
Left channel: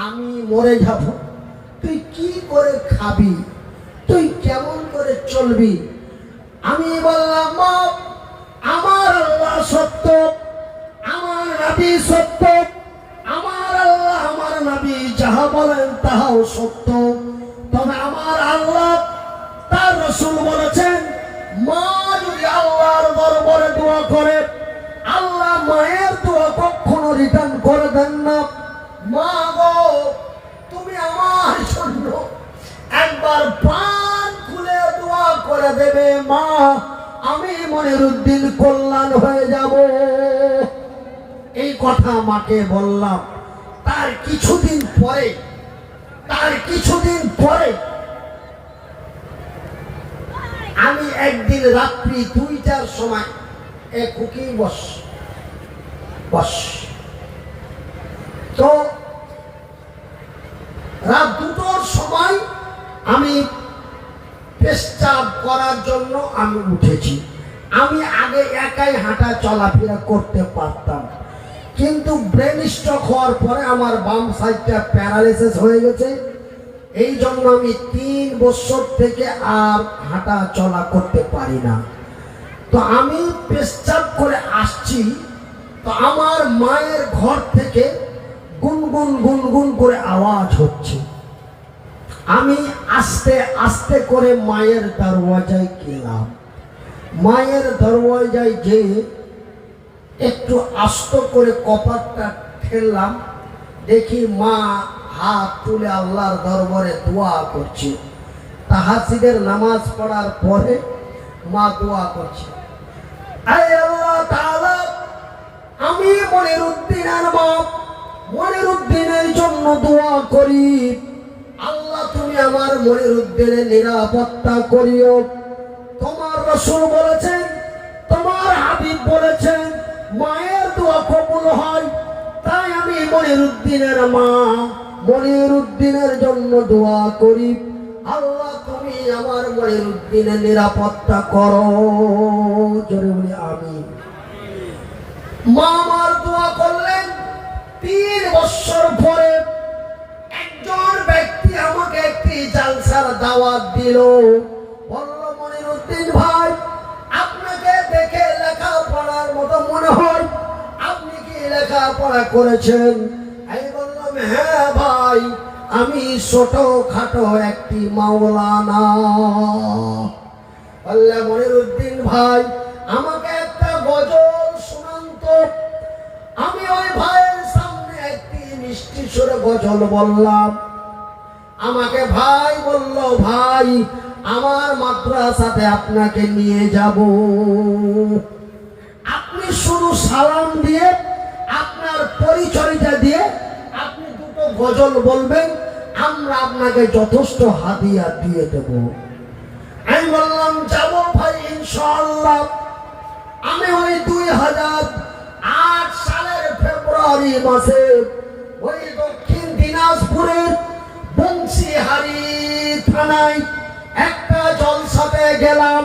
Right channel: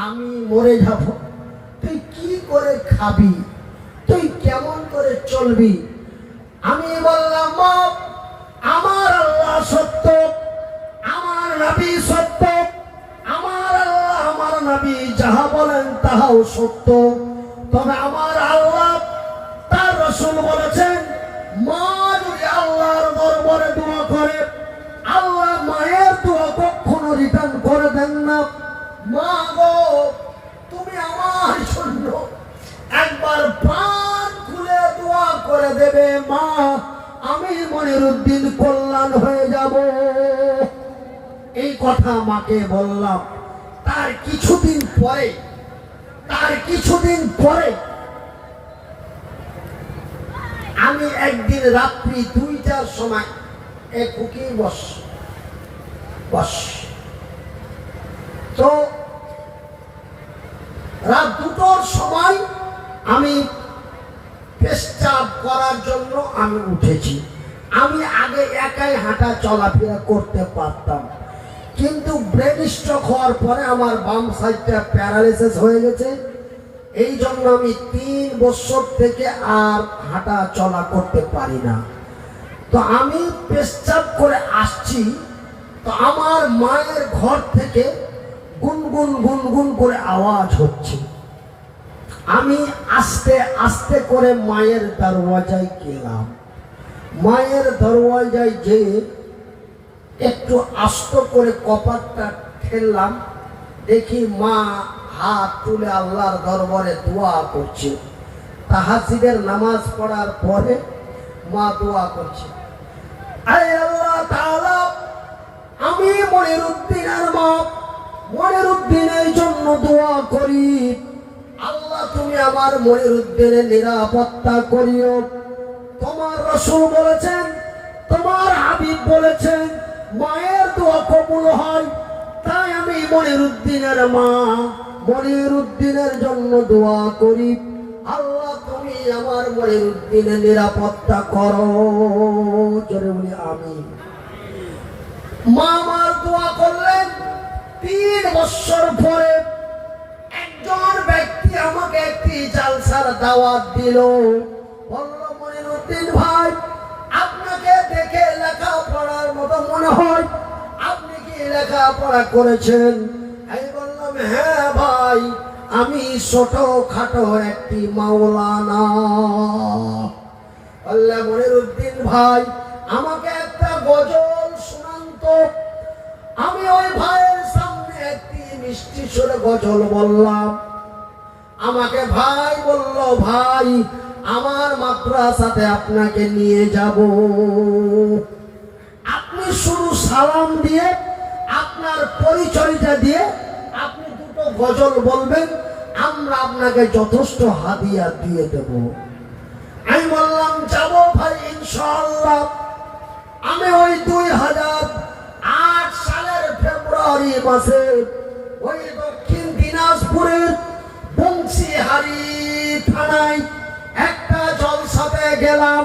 আমি মরে যাব, তুই কি করে খাবি, তুই কেমন করে চলবি? আমি বললাম, মা, আমার আল্লাহ সত্য, আমার নবী সত্য, আমার আল্লাহ আমার নবী যাহা বলেন তাহাও সত্য। তবে আমার আল্লাহ তার রাসূল বলেছেন, মা যদি আল্লাহর দরবারে দোয়া করে, আল্লাহ মায়ের দোয়া কখনো রিটার্ন করে দেন না। মা গো, তুমি আমার জন্য একবার প্রাণ খুলে দোয়া করে দেবে, মা, আমি মনিরুদ্দিন কল্যাণ হয়ে যাব। এই কথা মাকে বললাম। তার কিছুদিন পরে আমি একদিন রাত্রি 2টার সময় খুকি বস তো রাত 2টোর সময় আমি পেশাব করার জন্য আমি উঠেছি। আমি আগে একাই হাঁটা চলাফেরা করতে পারতাম, কিন্তু ব্রেন স্ট্রোক হওয়ার পরে আমার বাম সাইডটা প্যারালাইসিস হয়ে গেছে। এই জন্য আমি 3 বছর থেকে আর হাঁটা চলা করতে পারি না। তো আমি পেশাব করে আসছি, তো আমার মায়ের ঘর থেকে গুনগুন গুনগুন করে আওয়াজ হচ্ছে। আমি আস্তে আস্তে করে মায়ের দরওয়াজায় গেলাম। মায়ের দরওয়াজায় যেয়ে একটু আস্ত করে কপাটটা ঠেললাম, দেখি মা হাত তুলে আল্লাহর দরবারে দোয়া করছে। তাহাজ্জুদের নামাজ পড়ার পরে মা দোয়া করছে, আয় আল্লাহ তাআলা, আমি মনিরুদ্দিনের মা, মনিরুদ্দিনের জন্য দোয়া করি, আল্লাহ তুমি আমার মনিরুদ্দিনের নিরাপত্তা করিও। তোমার রাসূল বলেছেন, তোমার হাবিব বলেছেন, মায়ের দোয়া কবুল হয়। তাই আমি মনিরুদ্দিনের মা, মনিরুদ্দিনের জন্য দোয়া করি, আল্লাহ তুমি আমার মনিরুদ্দিনের নিরাপত্তা করো। জোরে বলি আমিন। মা আমার দোয়া করলেন। 3 বছর পরে একজন ব্যক্তি আমাকে একটি জালসার দাওয়াত দিল। বলল, মনিরুদ্দিন ভাই, আপনাকে দেখে লেখাপড়ার মতো মনে হয়, আপনি কি লেখাপড়া করেছেন? আমি বললাম, হ্যাঁ ভাই, আমি ছোটখাটো একটি মাওলানা। বললে, মনিরুদ্দিন ভাই, আমাকে একটা গজল শোনান তো। আমি ওই ভাইয়ের সামনে একটি মিষ্টি সুরে গজল বললাম। আমাকে ভাই বলল, ভাই, আমার মাদ্রাসাতে আপনাকে নিয়ে যাব, আপনি শুধু সালাম দিয়ে আপনার পরিচয়টা দিয়ে আপনি 2টো গজল বলবেন, আমরা আপনাকে যথেষ্ট হাদিয়া দিয়ে দেব। আমি বললাম, যাব ভাই, ইনশাআল্লাহ। আমি ওই 2008 সালের ফেব্রুয়ারি মাসে ওই দক্ষিণ দিনাজপুরের বংশীহারি থানায় একটা জলসাতে গেলাম।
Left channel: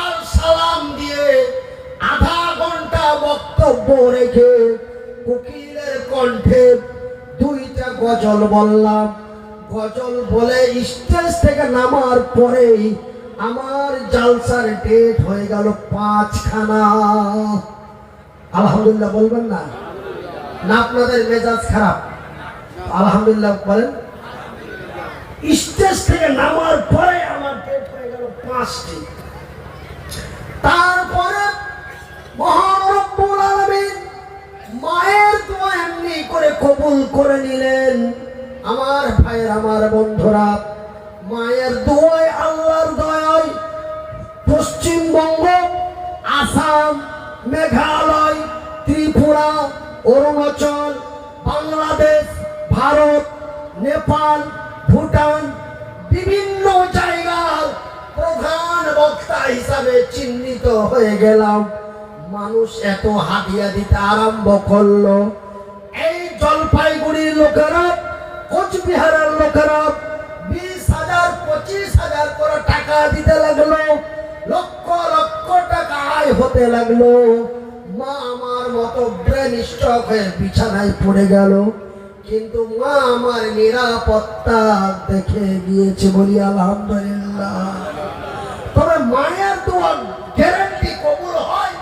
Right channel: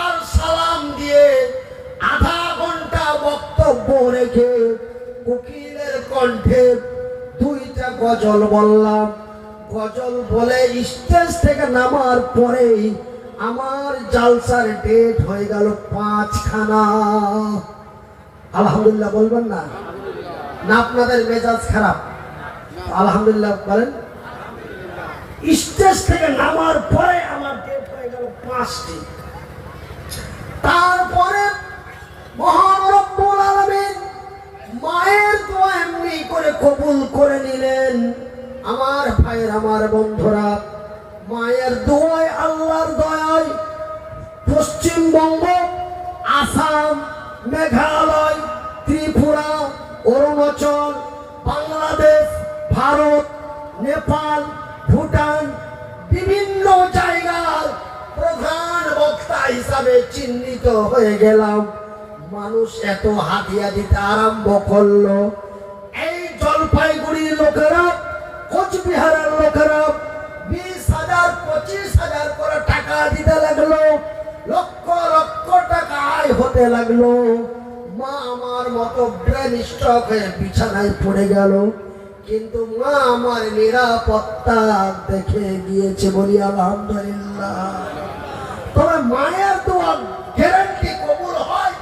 আর সালাম দিয়ে আধা ঘন্টা বক্তব্য রেখে কোকিলের কণ্ঠে 2টা গজল বললাম। গজল বলে স্টেজ থেকে নামার পরেই আমার জালসার ডেট হয়ে গেল 5খানা। আলহামদুলিল্লাহ বলবেন না? না আপনাদের মেজাজ খারাপ? আলহামদুলিল্লাহ বলেন। স্টেজ থেকে নামার পরে আমার ডেট হয়ে গেল 5টি। তারপরে মহান রব্বুল আলামিন মায়ের দোয়া এমনি করে কবুল করে নিলেন। আমার ভাইয়ের, আমার বন্ধুরা, মায়ের দোয়ায়, আল্লাহর দয়ায় পশ্চিমবঙ্গ, আসাম, মেঘালয়, ত্রিপুরা, অরুণাচল, বাংলাদেশ, ভারত, নেপাল, ভুটান, বিভিন্ন জায়গার প্রধান বক্তা হিসাবে চিহ্নিত হয়ে গেলাম। মানুষ এত হাদিয়া দিতে আরম্ভ করলো। এই জলপাইগুড়ির লোকেরা, কোচবিহারের লোকেরা 20,000 25,000 করে টাকা দিতে লাগলো। লক্ষ লক্ষ টাকা আয় হতে লাগলো। মা আমার মতো ব্রেন স্ট্রোক হয়ে বিছানায় পড়ে গেল, কিন্তু মা আমার নিরাপত্তা দেখে গিয়েছে, বলি আলহামদুলিল্লাহ। তবে মায়ের দোয়া গ্যারান্টি কবুল হয়,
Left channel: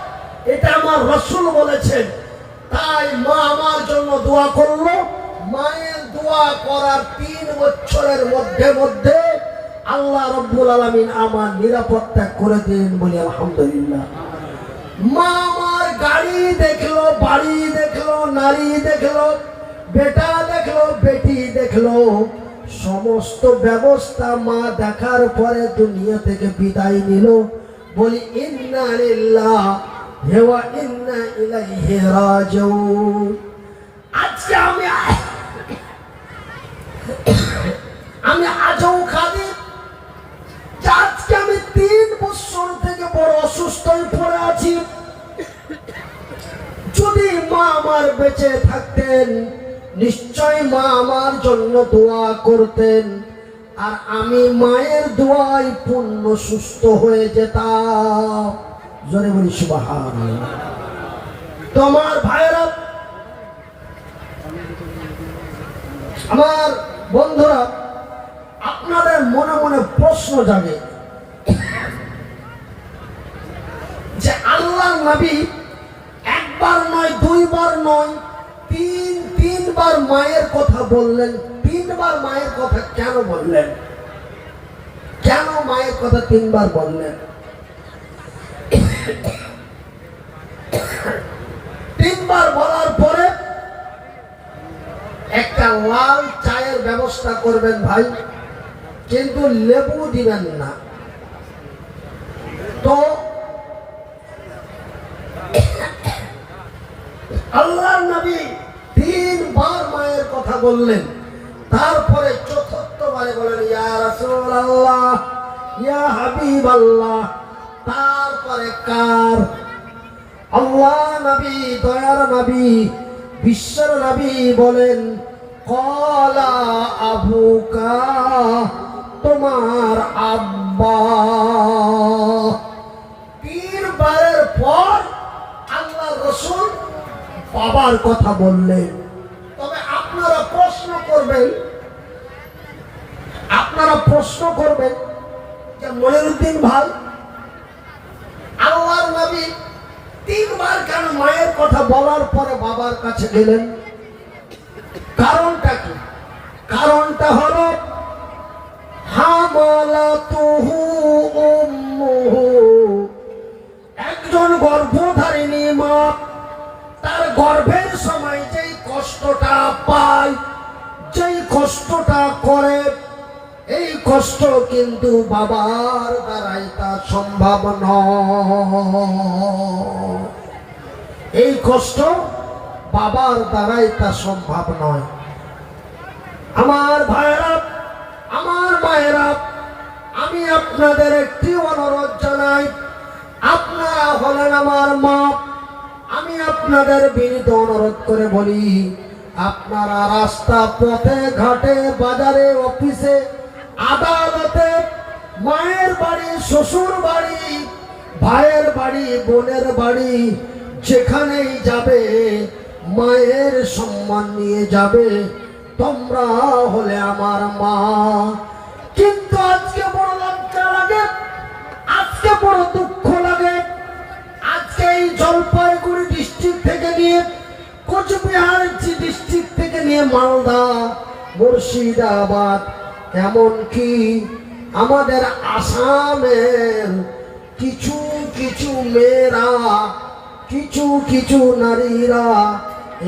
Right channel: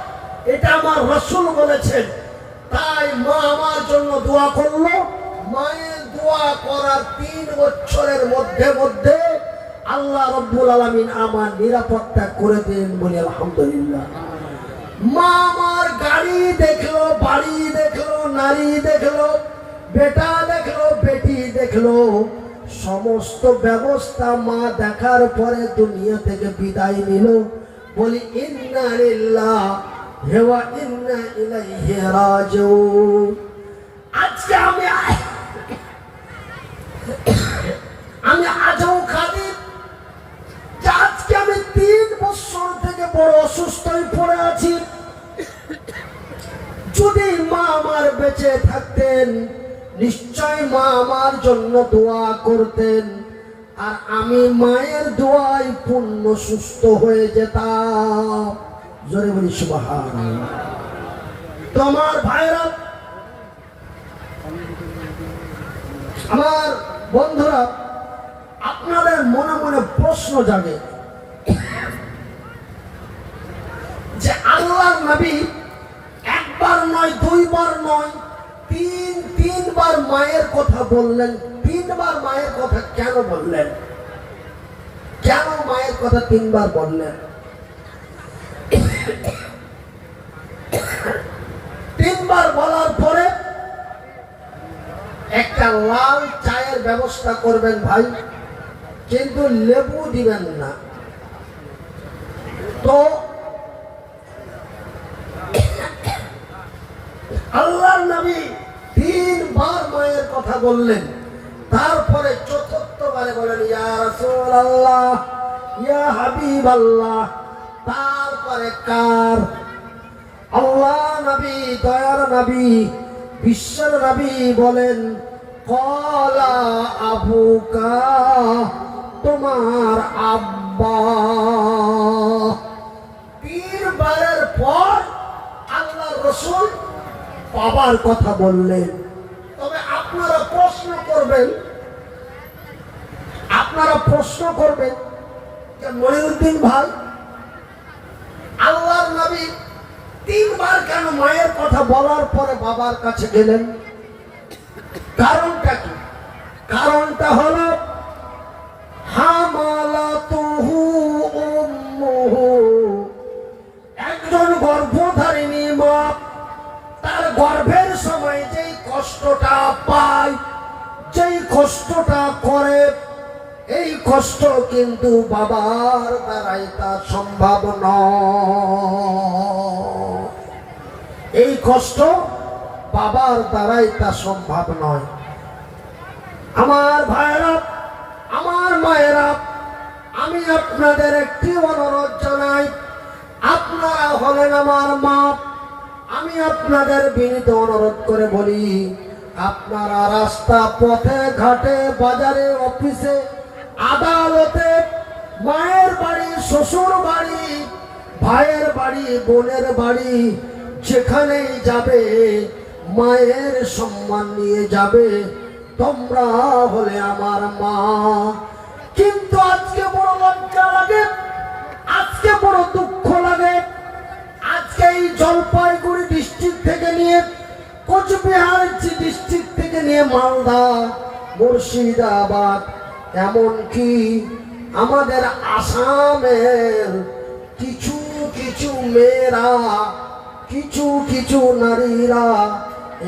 এটা আমার রাসূল বলেছেন। তাই মা আমার জন্য দোয়া করলো। মায়ের দোয়া করার 3 বছরের মধ্যে আল্লাহ রাব্বুল আলামিন আমার নিরাপত্তা করে দিলেন, বলি আলহামদুলিল্লাহ। মা আমার গাড়ি দেখলো, বাড়ি দেখলো, নারী দেখলো, বেটা দেখলো, বেটি দেখলো, সমস্ত ব্যবস্থা মা দেখার পরে দুনিয়া থেকে বিদায় নিল। বলি ইন্না লিল্লাহি ওয়া ইন্না ইলাইহি রাজিউন। আজকে আমি আজও খাদি, আজকে আমি 3 বছর থেকে বড় অসুস্থ হয়ে পড়ে আছি। যদি মা আমার বেঁচে থাকতেন, নিশ্চয় মা আমার জন্য দোয়া করতেন, আর আমি মায়ের দোয়ায় পূর্ণ সুস্থ হয়ে যেতাম। জোরে বলি সুবহানাল্লাহ। তো আমার ভাইরা, আমার বন্ধুরা, আপনাদের মনে মনে প্রশ্ন জাগে যে আল্লাহর নবী একবার নয়, 2 বার নয়, তিনবার মায়ের কথা বললেন। 3 বার মায়ের কথা কেন বললেন? কেন মায়ের কথা 3 বার বললেন? 3 বার বলার পরে একটা লাল চায়ের ব্যবস্থা করবেন ভাই, কিন্তু লেবু দিবেন না। তো আল্লাহর নবী 3 বার মায়ের কথা বললেন। তারপরে 4র্থবারে বলেন ইয়া রাসূলুল্লাহ, ইয়া হাবিবাল্লাহ। তারপরে কার? আল্লাহ নবী, দয়ার নবী, বিশ্বের নবী বলেন ক্বালা আবুকা, তোমার আব্বা। 3 বারের পর আল্লাহর রাসূল বাবার কথা বললেন। তবে আপনারা প্রশ্ন করবেন যে মনিরুদ্দিন ভাই, আল্লাহর নবী 3 বার কেন মায়ের কথা বলার পরে বাবার কাছে গেলেন? কারণটা কি? কারণটা হলো হামালাতুহু উম্মুহু, একজন গর্ভধারিণী মা তার গর্ভের সময় যেই কষ্টটা পায়, যেই কষ্টটা করে, এই কষ্ট কিন্তু বাবার দ্বারাই তা সম্ভব নয়। এই কষ্ট বাবার দ্বারাই তা সম্ভব নয়। আমার ভাইয়েরা, আমার মায়েরা, আমি আপনাদের একটি অনুরোধ জানাই। আপনারা হলেন আমার মা। আমি আপনাদের বিনীত অনুরোধ করে বলি, আপনারা রাস্তা, পথে, ঘাটে, বাজারে, অফিসে, আদালতে, মায়ের বাড়ি, শ্বশুর বাড়ি, ভাইয়ের বাড়ি, বোনের বাড়ি, যেখানেই যাবে মায়ের সম্মান নিয়ে যাবে। তোমরা হলে আমার মা। কিন্তু আজকে বড় লজ্জা লাগে, জলপাইগুড়ি ডিস্ট্রিক্ট থেকে নিয়ে কোচবিহার ডিস্ট্রিক্ট থেকে নিয়ে মালদা, মুর্শিদাবাদ, এমনকি আমাদের আসামের কিছু কিছু মেয়েরা, কিছু কিছু নারীরা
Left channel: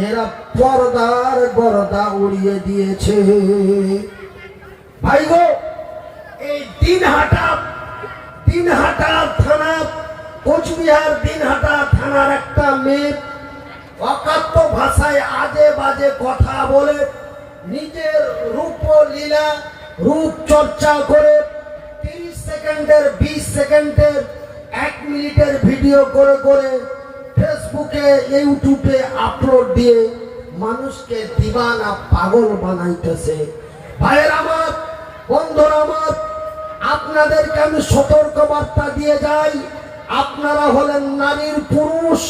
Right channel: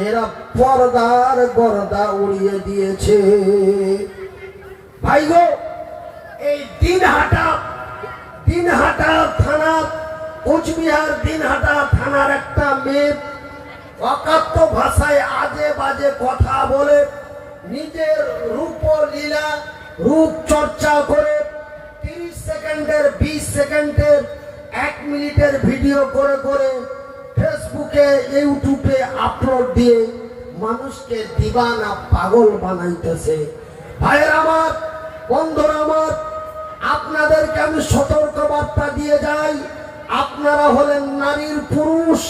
এরা পর্দার গর্দা উড়িয়ে দিয়েছে। ভাই গো, এই দিনহাটা থানা, কোচবিহার দিনহাটা থানার একটা মেয়ে অকাত্য ভাষায় আজে বাজে কথা বলে নিজের রূপলীলা, রূপ চর্চা করে 30 সেকেন্ডের, 20 সেকেন্ডের, 1 মিনিটের ভিডিও করে করে ফেসবুকে, ইউটিউবে আপলোড দিয়ে মানুষকে দিবানা, পাগল বানাইতেছে। ভাইয়ের আমার, বন্ধুরা আমার, আপনাদেরকে আমি সতর্ক বার্তা দিয়ে যাই, আপনারা হলেন নারীর পুরুষ।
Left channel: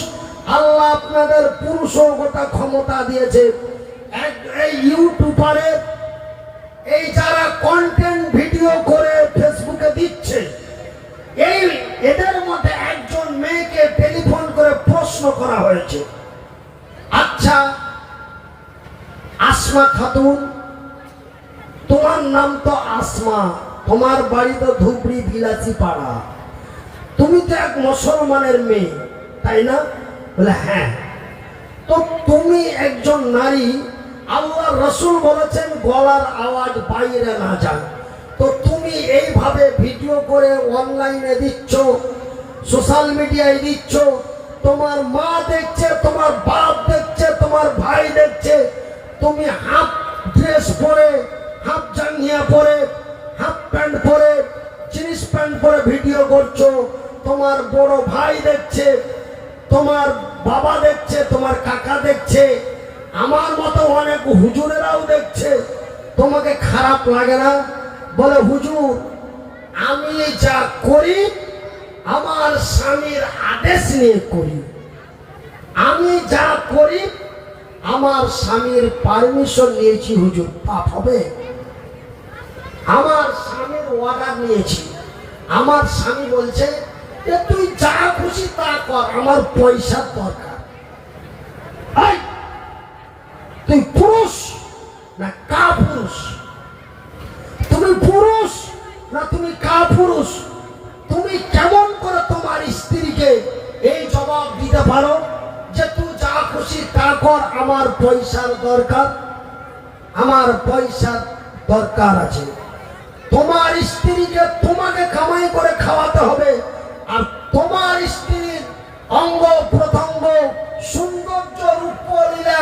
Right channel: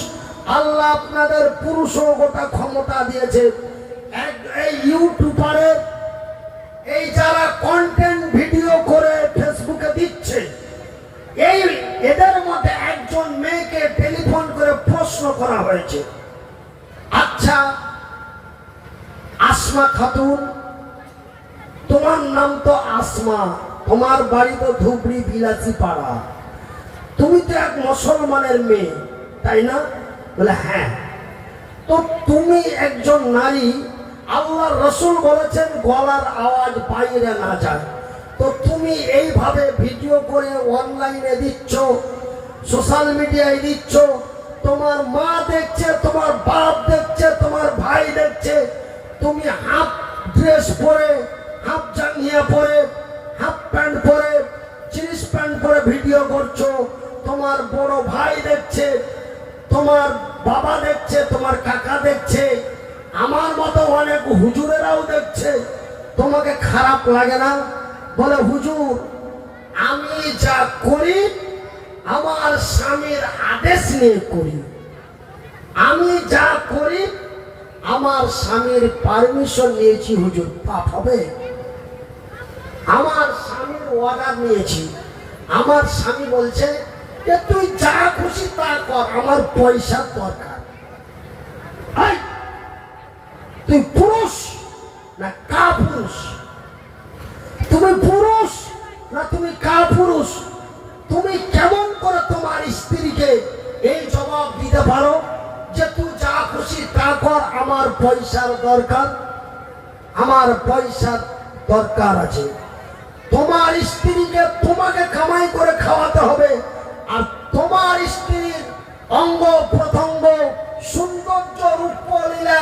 আল্লাহ আপনাদের পুরুষও গোটা ক্ষমতা দিয়েছে। এই ইউটিউবারে এই যারা কন্টেন্ট ভিডিও করে ফেসবুকে দিচ্ছে, এই এদের মধ্যে একজন মেয়েকে টেলিফোন করে প্রশ্ন করা হয়েছে, আচ্ছা আসমা খাতুন, তোমার নাম তো আসমা, তোমার বাড়ি তো ধুবড়ি বিলাসী পাড়া, তুমি তো এক মুসলমানের মেয়ে, তাই না? বলে হ্যাঁ। তো তুমি একজন নারী, আল্লাহ রসুল বলেছেন গলার আওয়াজ বাইরে না যায়, তো তুমি এইভাবে ভিডিও করে অনলাইনে দিচ্ছ, সোশ্যাল মিডিয়ায় দিচ্ছ, তোমার মা দেখছে, তোমার বাপ দেখছে, তোমার ভাই দেখছে, তুমি হাফ ড্রেস পরে, হাফ জাঙ্গিয়া পরে, হাফ প্যান্ট পরে, জিন্স প্যান্ট পরে ভিডিও করছো, তোমার বড় ভাই দেখছে, তোমার বাবা দেখছে, তোমার কাকা দেখছে, আমার মতো অনেক হুজুরেরাও দেখছে, তোমাকে খারাপ লাগে না? বলে হুজুর, আমি যা করি আমার স্বামীর আদেশ নিয়ে করি, আমি যা করি আমার স্বামীর পারমিশন নিয়েছি হুজুর, পাপ হবে? আমার স্বামীর অর্ডার নিয়েছি, আমার স্বামী বলছে যে তুই যা খুশি তা কর, আমার পয়সার দরকার। তুই পুরুষ না কা পুরুষ? তুমি পুরুষ না তুমি কা পুরুষ? তুমি কেমন করে তোমার স্ত্রীকে এই জবাব দিতে পারো যে তুই যা খুশি তা কর, আমার পয়সার দরকার, আমার পয়সার দরকার আছে? তোমার স্ত্রীকে তোমাকে কামাই করে খাওয়াতে হবে, আর তোমার স্ত্রীর অঙ্গ প্রত্যঙ্গ, সৌন্দর্য, রূপলীলা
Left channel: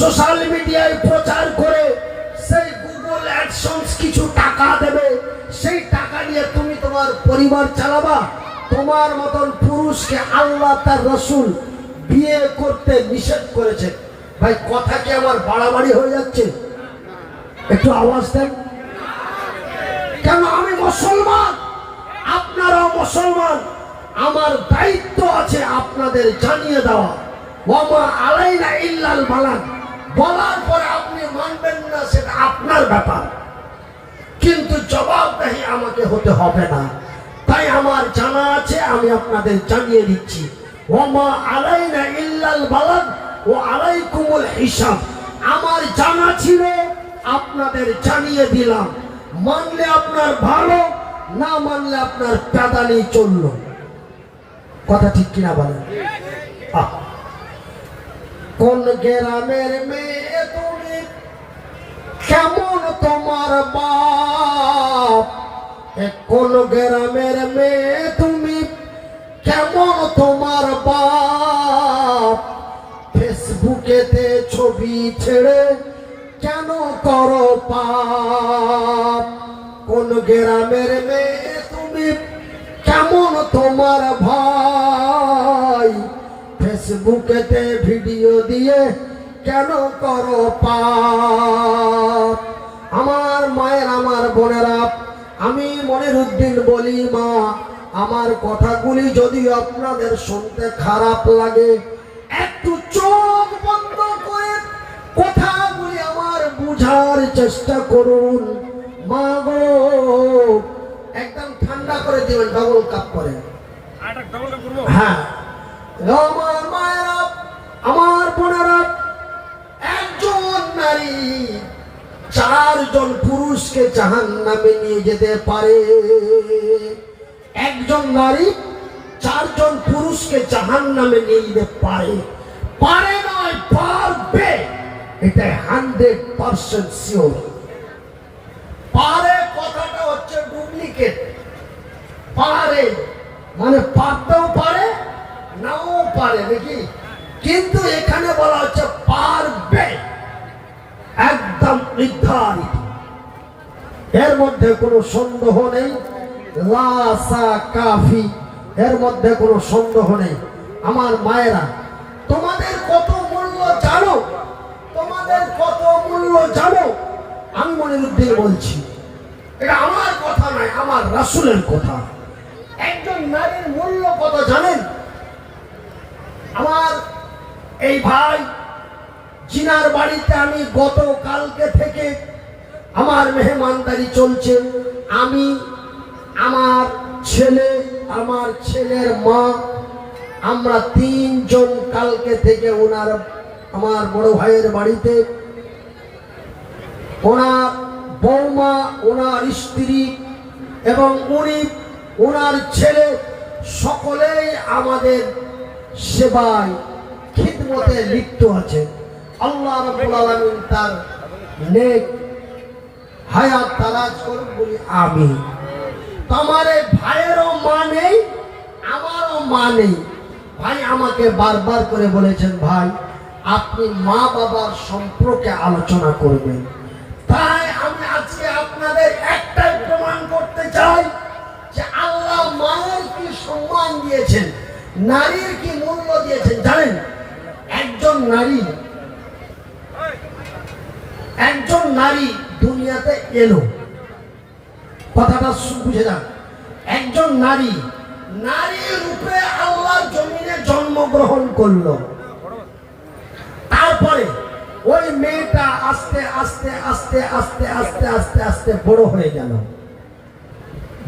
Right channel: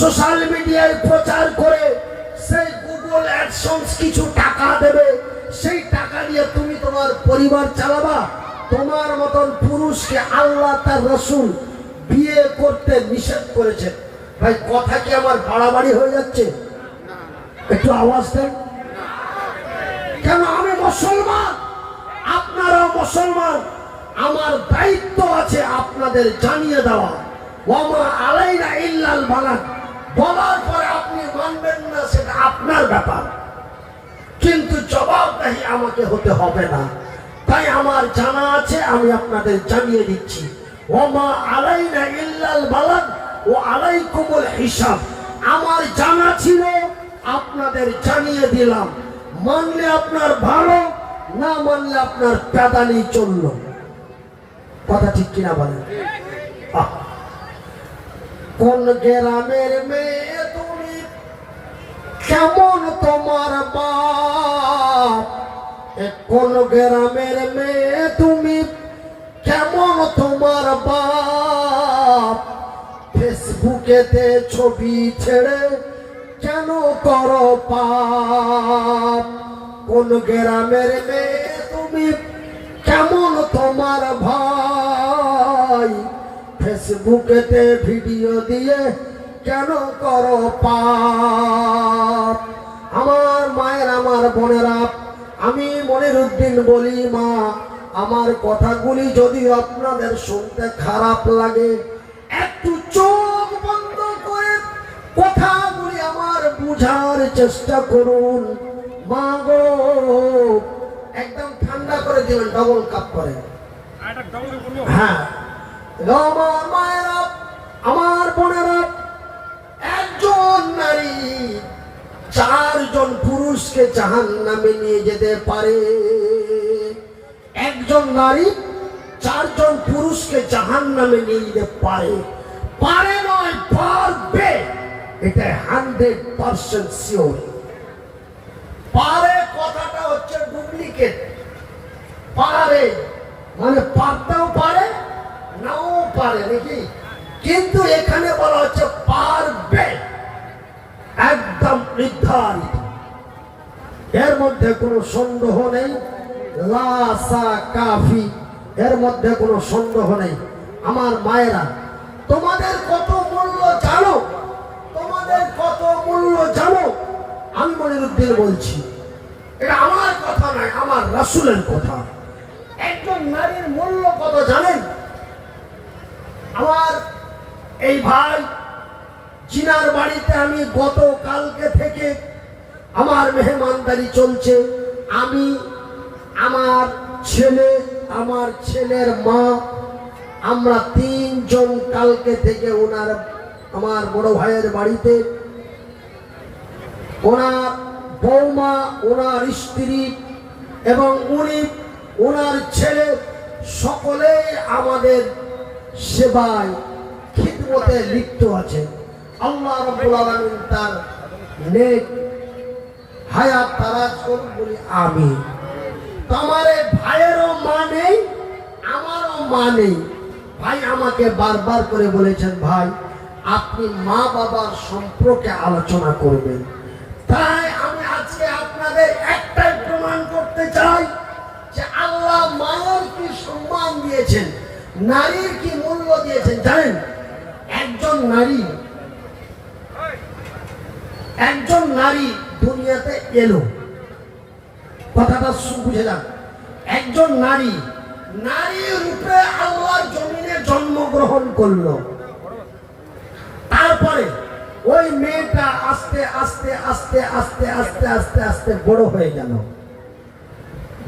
সোশ্যাল মিডিয়ায় প্রচার করে সেই গুগল অ্যাডসেন্স কিছু টাকা দেবে, সেই টাকা নিয়ে তুমি তোমার পরিবার চালাবা? তোমার মতন পুরুষকে আল্লাহ তার রাসূল বিয়ে করতে নিষেধ করেছে। ভাই কথা কি আমার বাড়াবাড়ি হয়ে যাচ্ছে? একটু আওয়াজ দেন। কেন? আমি মুসলমান, আপনারাও মুসলমান, আমার দায়িত্ব আছে আপনাদের জানিয়ে দেওয়া। ওয়ামা আলাইনা ইল্লাল বালাগ, বলার পরে আপনি মানবেন না সেটা আপনার ব্যাপার, কিন্তু জবাবদাহি আমাকে হতে হবে না। তাই আমার জানা আছে, আমি আপনাদের জানিয়ে দিচ্ছি। ওয়ামা আলাইনা ইল্লাল বালাগ ও আলাইকুমুল হিসাব। আমার জানা ছিল, আপনাদের জানিয়ে দিলাম। মানলে আপনার ভালো, না মানলে আপনার প্যাদানি চলল। কথা ঠিক কিনা বলেন? কোন গ্রামের মেয়ে তুমি, কেমন তোমার বাপ? কোন গ্রামের মেয়ে তুমি, কেমন তোমার বাপ? ফেসবুকেতে ছবি ছেড়ে কেন করো পাপ? কোন গ্রামের মেয়ে তুমি, কেমন তোমার ভাই? ফেসবুকেতে ভিডিও দিয়ে কেন করো পাপ? আমার মায়ের, আমার বোনেরা, আমি মনিরউদ্দিন বলি, মা, আমার কথাগুলি যদি আপনাদের শুনতে খারাপ লাগে, একটু চোখ বন্ধ করে কথাগুলি আমার বুঝার চেষ্টা করুন। মা গো, একদম ঠান্ডা করে দিবেন, ডবল কাপ করে। হ্যাঁ, আমার মায়েরা, আমার বোনেরা, একজন নারী 4 জন পুরুষকে জাহান্নামে নিয়ে যেতে পারে। একজন নারী 4 জন পুরুষকে জাহান্নামে নিয়ে যেতে পারে। পারে নয়, পারবে, এটা 100% শিওর। পারে কথাটা হচ্ছে ডুপ্লিকেট। পারে মানে পারতেও পারে, নাও পারে নাকি, কিন্তু এখানে বলা হচ্ছে পারবে, একদম নির্ধারিত, এর মধ্যে কোনো সন্দেহ নেই। লাসা কাফি, এর মধ্যে কোনো সন্দেহ নেই। আমার মায়েরা, তোমাদের কত মূল্য জানো? তোমাদের কত মূল্য জানো? আমি মনিরুদ্দিন বলছি, এটা আমার কথা নয়, আমার রাসূলের কথা। একজন নারীর মূল্য কত জানেন? আমার এই ভাই জিনার বাড়িতে আমি গতকালকে থেকে আমার মেহমানদারি চলছে। আমি, আমার ছেলে, আমার ছেলের মা, আমরা 3 জন কালকে থেকে ওনার, আমার বড় ভাইয়ের বাড়িতে, ওনার বৌমা, ওনার স্ত্রী এবং উনি, ওনার ছেলে, সকলেই আমাদের সেবায় খিদমতে লিপ্ত আছেন। আল্লাহ রাব্বুল আলামিন তার নেক হায়াত দারাজ করুন, বলি আমিন। তোমার ভাইয়েরও মা নেই, আমারও মা নেই। ভাই আমাকে বারবার করে বলেছেন, ভাই আপনি মা বাবার সম্পর্কে আলোচনা করবেন। তাই আমি আজকে আপনাদের একটাই প্রমাণ করতে চাই যে আল্লাহ মায়ের কি সম্মান দিয়েছেন, নারীর কি মূল্য দিয়েছেন জানেন? একজন নারী দুনিয়াতে এলো, কথাটা বুঝে যান। একজন নারী রূপে আল্লাহর জমিনে জন্মগ্রহণ করলো। তারপরে ওই মেয়েটা আস্তে আস্তে আস্তে আস্তে আস্তে আস্তে আস্তে বড় হয়ে গেল।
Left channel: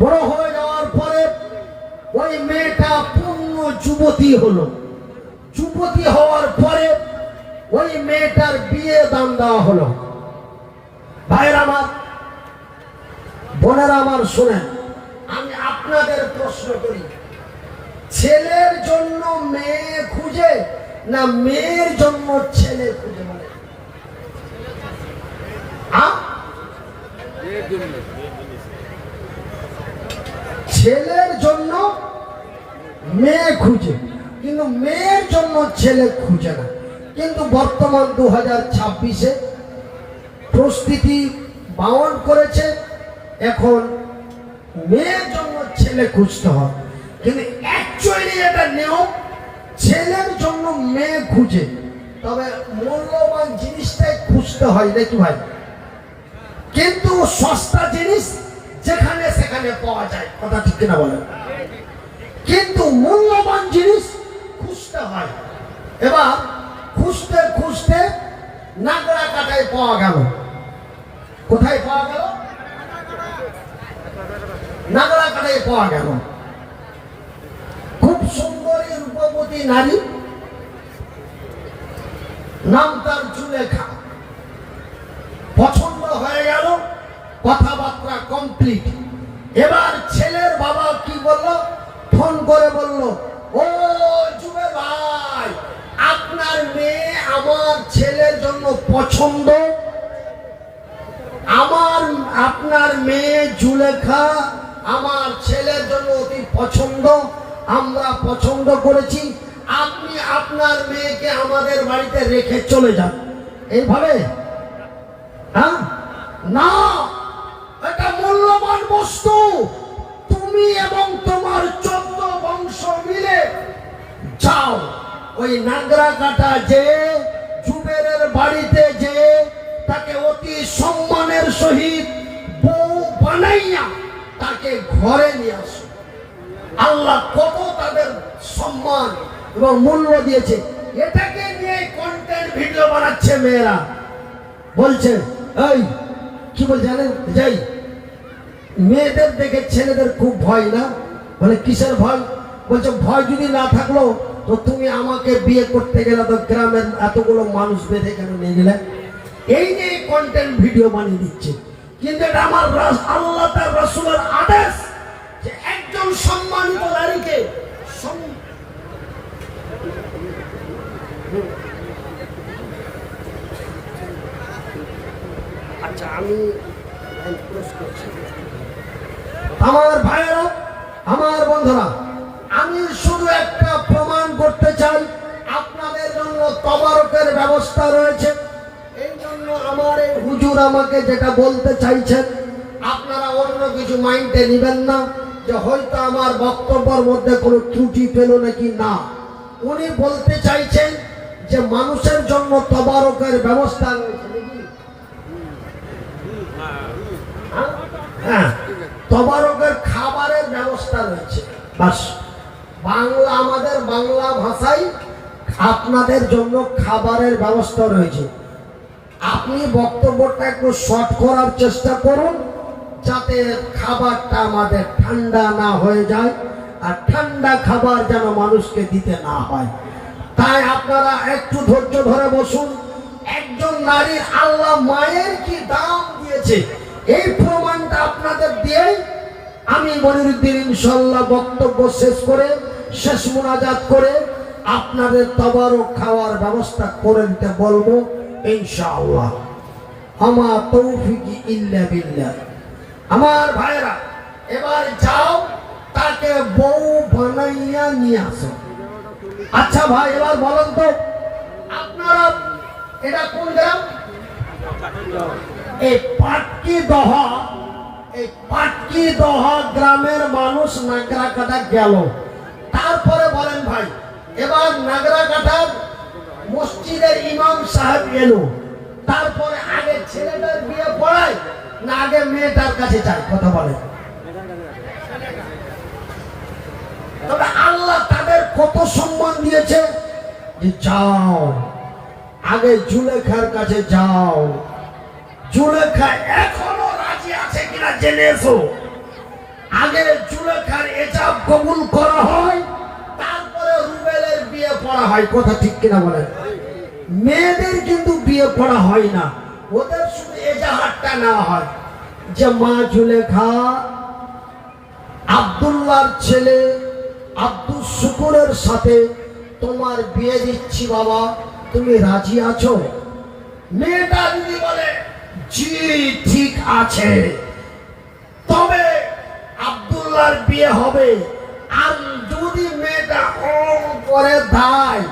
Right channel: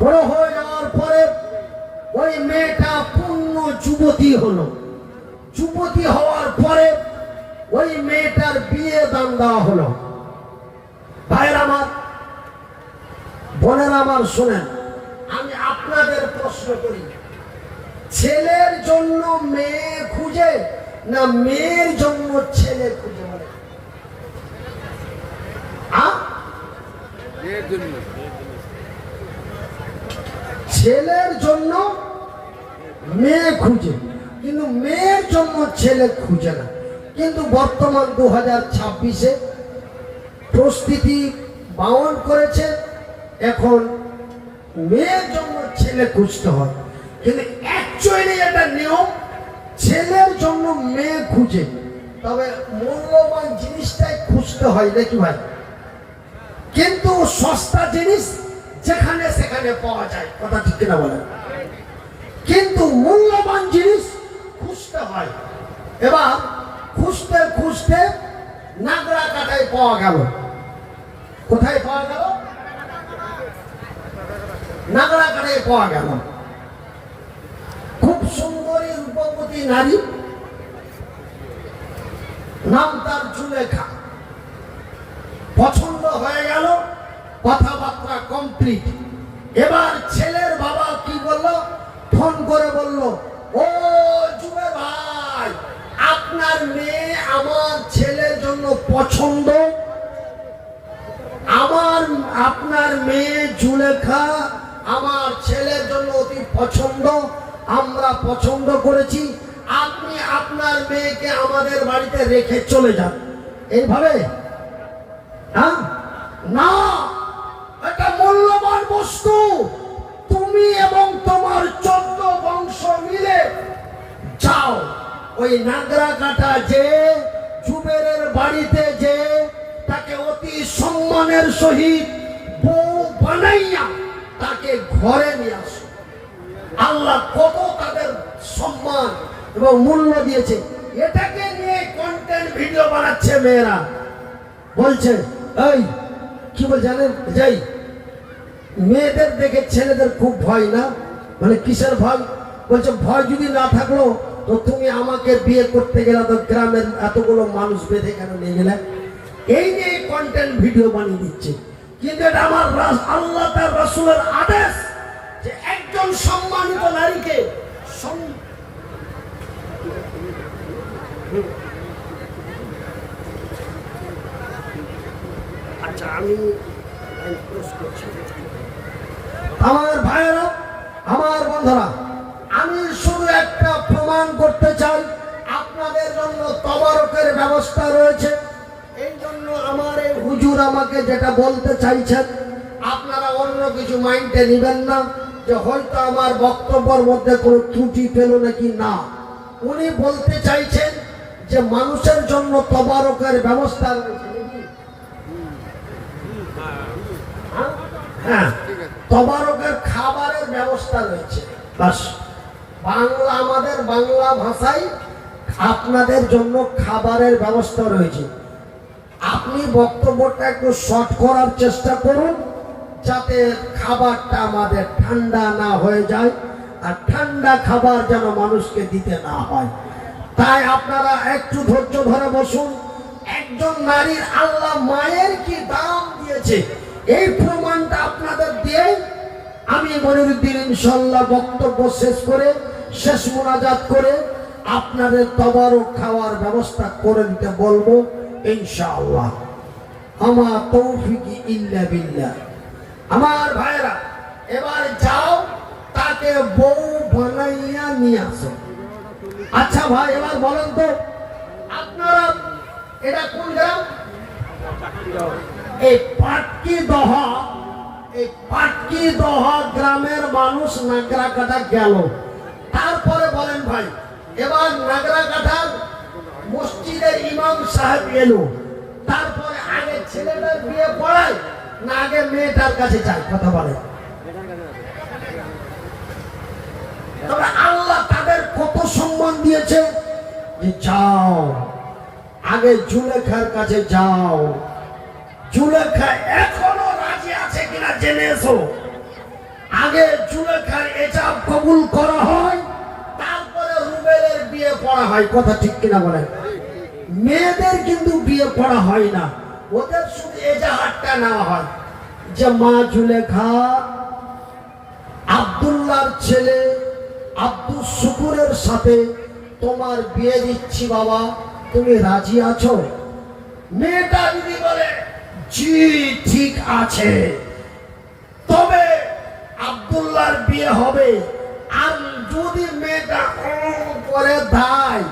বড় হয়ে যাওয়ার পরে ওই মেয়েটা পূর্ণ যুবতী হলো। যুবতী হওয়ার পরে ওই মেয়েটার বিয়ে দান দেওয়া হলো। ভাইয়ের আমার, বোনেরা আমার, শোনেন, আমি আপনাদের প্রশ্ন করি, ছেলের জন্য মেয়ে খুঁজে না মেয়ের জন্য ছেলে খুঁজে? বলে ছেলের জন্য মেয়ে খুঁজে, কিন্তু মেয়ের জন্য ছেলে খুঁজে না। কিন্তু বর্তমান 2026-এ পরিস্থিতি বাউন্ড করেছে, এখন মেয়ের জন্য ছেলে খুঁজতে হয়। কিন্তু অ্যাকচুয়ালি এটা নিয়ম, ছেলের জন্য মেয়ে খুঁজে, তবে মূল্যবান জিনিসটাই খুঁজতে হয় নাকি ভাই? কিন্তু সস্তা জিনিস যেখানে সেখানে পাওয়া যায়, কথা ঠিক কিনা বলেন? কিন্তু মূল্যবান জিনিস খুঁজতে হয়। এবার খুঁজতে খুঁজতে নাগরা কাটায় পাওয়া গেল। কোথায় পাওয়া গেল? নাগরা কাটায় পাওয়া গেল। খুব সুন্দরী রূপবতী নারী, নাম তার জুলেখা। পছন্দ হয়ে গেল, কথাবার্তা কমপ্লিট। এবার ছেলের বাবা কি বলল? ফোন করে বলল, ও জুবে ভাই, আপনার মেয়ে আমার ছেলের জন্য পছন্দ। আপনার মেয়ে জুলেখা আমার ছেলের জন্য অতি পছন্দ, আমরা পছন্দ করেছি, আপনি আপনার মেয়েকে আমাদের বাড়িতে রেখে চলে যান। এইভাবে না, এটা মূল্যবান বস্তু। তুমি এবং তোমার 14 বংশ মিলে যাও ওই নাগরা কাটা যে জুবেরের বাড়িতে, যে তাকে অতি সম্মানের সহিত বউ বানাইয়া তাকে ঘরে নিয়ে আসো। আল্লাহ কত তাদের সম্মান এবং মূল্য দিয়েছে। এটাকে নিয়ে কন্টেন্ট ভিডিও বানাচ্ছে মেয়েরা। বলছে, এই কি বল জানেন, যাই মেয়েদের দেখে ছেলেদের খুব ভয় না? বলে কিসের ভয়? বলছে ভয় যদি না থাকলো তো তুমি আমাকে বিয়ে করতে গেলে তো গ্রামের এতগুলো মানুষ বেঁধে কেন নিয়ে গেলে? এই নিয়ে কন্টেন্ট ভিডিও বানিয়ে দিচ্ছে। কিন্তু এটা আমার আল্লাহ তার রাসূলের আদেশ যে একজন সম্মানিত নারীকে আচ্ছা আমি আমার ভাইয়েরা, আমার বন্ধুরা, আমি শুধু একটা প্রমাণ করতে চাই আপনাদের জন্য তবারকের ব্যবস্থা রয়েছে। এই জন্য আমার এই হুজুর আমাকে যেটা বলতে চাইছেন আপনারা অন্য কিছু মাইন্ডে নেবেন না যে হয়তো আমার বক্তব্যের মধ্যে কোনো ত্রুটি পেল নাকি, না। উনি বলতে চাইছেন যে মানুষের জন্য তবারকের ব্যবস্থা রয়েছে। হ্যাঁ, তবারকের খাবারের ব্যবস্থা রয়েছে। বাস বাংলা, আমাদের বাংলা ভাষায় আপনাদের জন্য খাবারের ব্যবস্থা রয়েছে। আপনি বক্তব্যটা একটু শর্ট করার চেষ্টা করুন যাতে খাবারটা আমাদের ঠান্ডা না হয়ে যায়, আর ঠান্ডা খাবার যেন মানুষকে দিতে না হয়। তাই আপনারা একটু ধৈর্য ধরে বসুন। একজন নারীর আল্লাহ মায়ের কি দাম দিয়েছে এই প্রমাণটা আপনাদের দিয়ে আমি মনিরুদ্দিন ইনশাআল্লাহ বক্তব্য শেষ করে, শেষ মোনাজাত করে আপনাদের তবারক খাওয়ার ব্যবস্থা করে দিতে বলবো ইনশাআল্লাহ। আমার তৌফিকি ইল্লা বিল্লাহ। আমার ভাইরা, এবার যাও তাকে বউ বানাইয়া নিয়ে আসো। আচ্ছা ভাই, এবার বলেন তো আপনারা এটা কোন গ্রাম? এই পাটকিদহ, এই পাটকিদহ গ্রামের মানুষ নাগরাকাটা গেল। তারপরে বলেন ভাই, এবার নাগরাকাটার মসজিদের ইমাম সাহেব এলো। তারপরে আগে ছেলেটার বিয়ে পড়ায় না আগে মেয়েটার কাছে চাই? কথা বলে। তবে আল্লাহ তাদের কত সম্মান দিয়েছে যে যাও আগে জুলেখার কাছে যাও। জুলেখা এখনো রাজি আছে কিনা জেনে এসো। আগে জুলেখার এজাব কবুল করা হয়, তারপরে রুবেলের বিয়ে পড়া হয়। কথা ঠিক কিনা বলেন? মেয়েদের কিন্তু বিয়ে পড়া হয় না, ওদের শুধু এজাহারটা নেওয়া হয় যে মা জুলেখা, আব্দুল্লাহর ছেলে আব্দুল শুকুরের সাথে তোমার বিয়ে দিচ্ছি বাবা, তুমি রাজি আছো? মেয়েটা যদি বলে জি ঠিক আছে, তবে আব্দুল্লাহর বিয়ে হবে। আর যদি মেয়েটা করে দেয়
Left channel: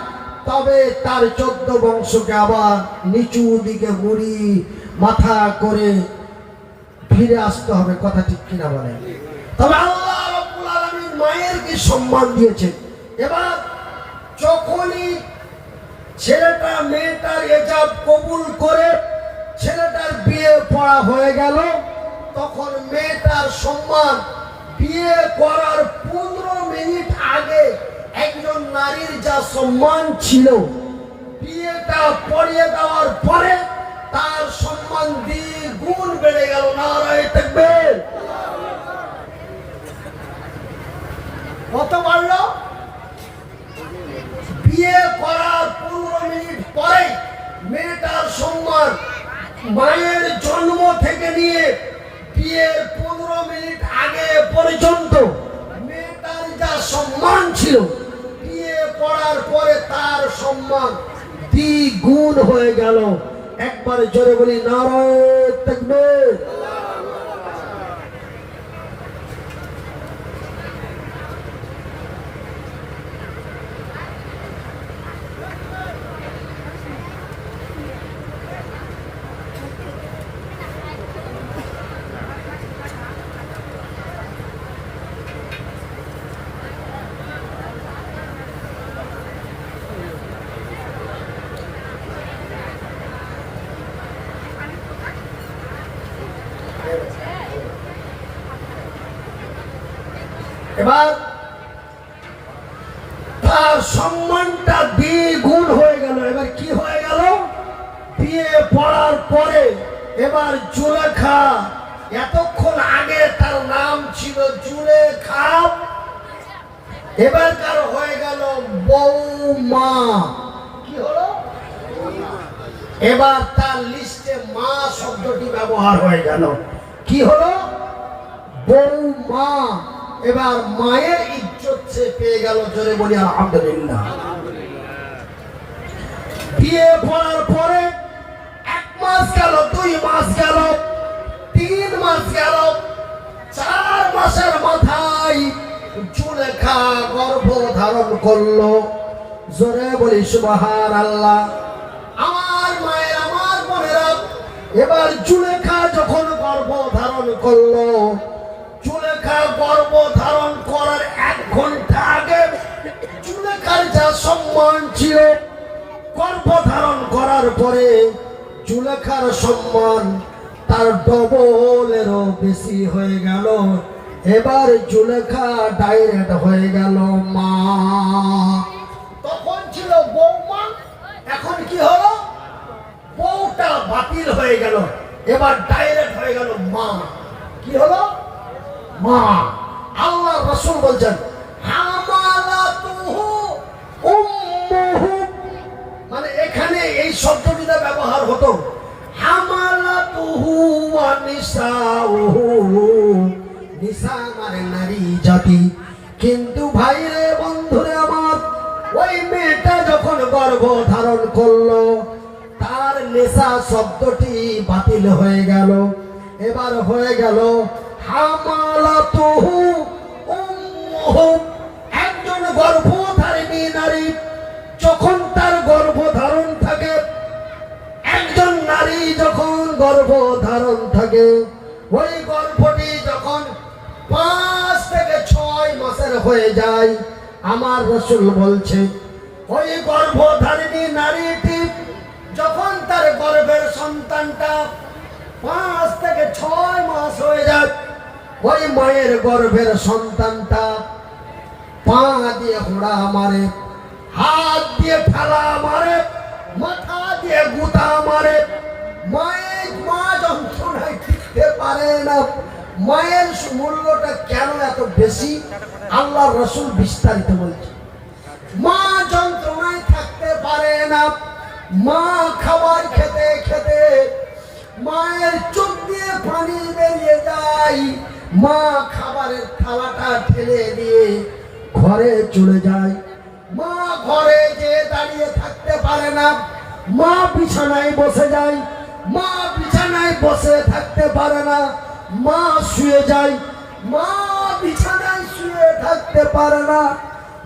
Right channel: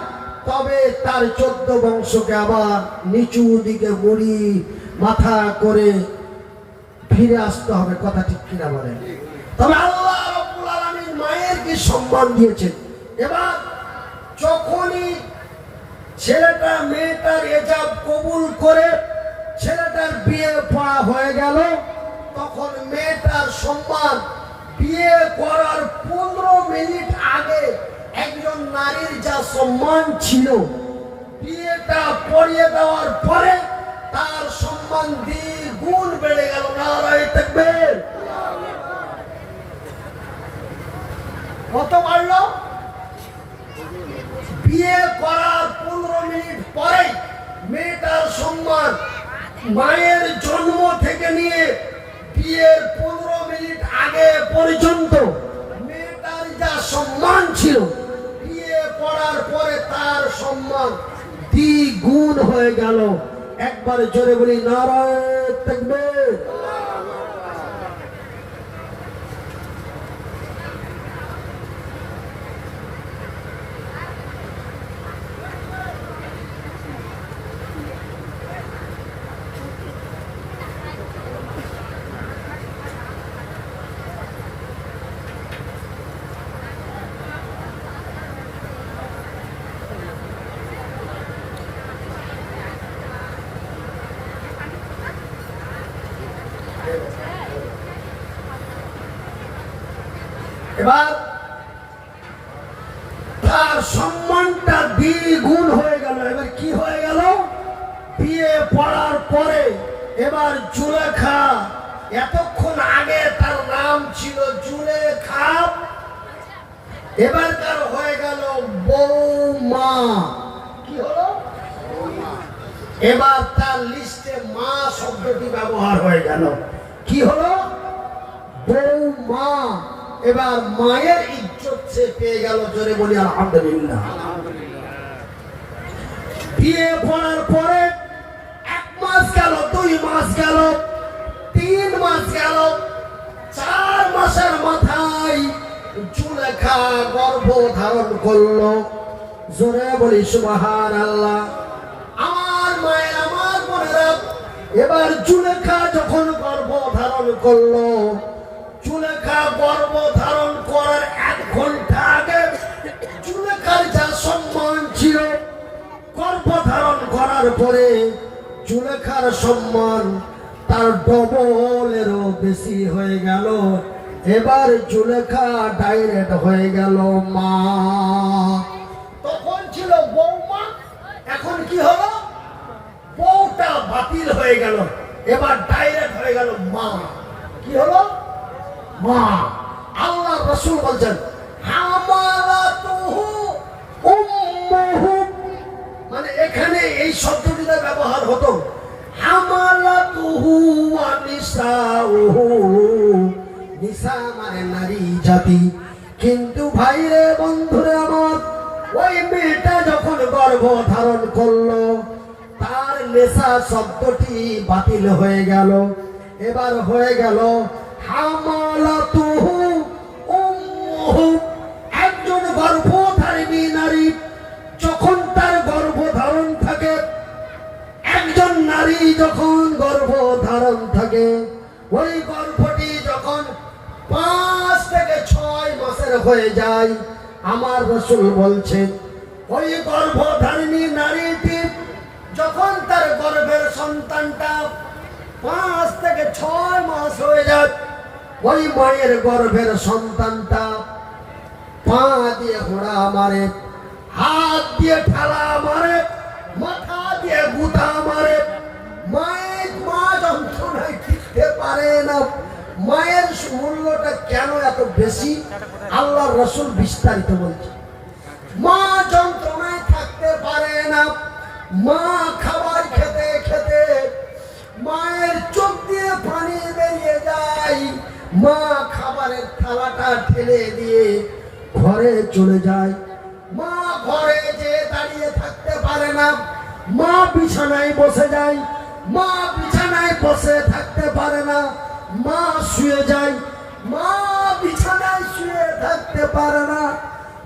তবে তার 14 বংশকে আবার নিচু দিকে মুড়ি মাথা করে ফিরে আসতে হবে। কথা ঠিক কিনা বলেন? তবে আল্লাহ রাব্বুল আলামিন মায়ের কি সম্মান দিয়েছেন। এবার যখনই ছেলেটা মেয়েটার এজাব কবুল করে ছেলেটার বিয়ে পড়া হয়ে গেল, তখন মেয়েটার সম্মান বিয়ে করার 15 মিনিট আগে একজন নারীর যা সম্মান ছিল, বিয়েটা পড়িয়ে দেওয়ার পরে তার সম্মান দ্বিগুণ বেড়ে গেল। নারায়ে তাকবীর। কত বাড়লো? বিয়ে করার 15 মিনিট পরে মেয়েটার সম্মান মায়ের জন্ম থেকে নিয়ে বিয়ের 15 মিনিট আগে পর্যন্ত মেয়েটার যা সম্মান ছিল, বিয়ে পড়ার পরে তার সম্মান দ্বিগুণ হয়ে গেল। একবারে জোরে বলি নারায়ে তাকবীর। এবার তার সম্মানটা দ্বিগুণ হয়ে গেল। এবার কি হয়ে গেল? বিয়ে পড়ার পরে এবার জুলেখা, এতক্ষণ আগে তার নাম ছিল জুলেখা, এবার কার হয়ে গেল বৌমা। কি হলো? এবার তার লিস্টে মা শব্দটি ব্যবহার হয়ে গেল। কি হলো? বৌমা। এবার মায়ের ইজ্জত সে পেয়ে গেল। জোরে বলি আলহামদুলিল্লাহ। বিয়ে করার পরে 1 মাস গেল, 2 মাস গেল, 3 মাস গেল, 4 মাসের মাথায় জুলেখা গর্ভ ধারণ করলো। জোরে বলি সুবহানাল্লাহ। আমার মায়ের, আমার বোনেরা, এবার জুলেখা যখন গর্ভ ধারণ করলো, জুলেখা গর্ভ ধারণ করার 1 ঘন্টা আগে জুলেখার যা সম্মান ছিল, গর্ভ ধারণ করার পরে জুলেখার সম্মান তার ডবলেরও বেশি হয়ে গেল। এবার জুলেখা ডাইরেক্ট হয়ে গেল মা। তখন ছিল বৌমা, এখন কি হলো? বউটা বাতিল হয়ে গেল, এবার ডাইরেক্ট হয়ে গেল মা। কি হলো? মা। আল্লাহ রাসূল বলছেন হামালাতুহু উম্মুহু, মানে এখানে এই শব্দটিটা ব্যবহার হতো হামালাতুহু ওয়া নিসাউহু। নিসা মানে নারী জাতি। কিন্তু ভাইরে, বন্ধুরে আমার, ওই মেয়েটা যখন গর্ভ ধারণ করলো, তার নেশা শব্দটি বাতিল হয়ে গেল। এবার হয়ে গেল হামালাতুহু উম্মুহু। একজন গর্ভধারিণী নারী যখন তার গর্ভধারণ থাকে, একজন নারী যখন গর্ভধারণ থাকে, ওই গর্ভটি যখন 5 থেকে 6 মাসের হয়ে যায়, আমার রাসূল বলছেন ওই গর্ভধারিণী নারীটি যখন তার গর্ভের সন্তানটা 5 থেকে 6 মাস হয়ে যায়, ওই মায়ের গর্ভের সন্তানটা পা দিয়ে ঘোড়া মারে, হাত দিয়ে ঠেলা মারে, মাথা দিয়ে গুতা মারে। মা যন্ত্রণায় টিকতে পারে না। মায়ের মূল্যটা কেন এত বেশি, আল্লাহ রাসূল বিস্তারিত বলছে। মা যন্ত্রণায় থাকতে পারে না। মা খাবার খেতে খেতে মায়ের চোখ দিয়ে পানি বেরিয়ে যায়। মা খাবারের থালাটা ঠেলে দিয়ে ঘরে চলে যায়। মা ঘরে যেয়ে দাঁড়িয়ে থাকতে পারে না। মা বিছানায় বসে যায়। মা বিছানায় বসে থাকতে পারে না। মা শুয়ে যায়। মা বিছানায় শুয়ে থাকতে পারে না।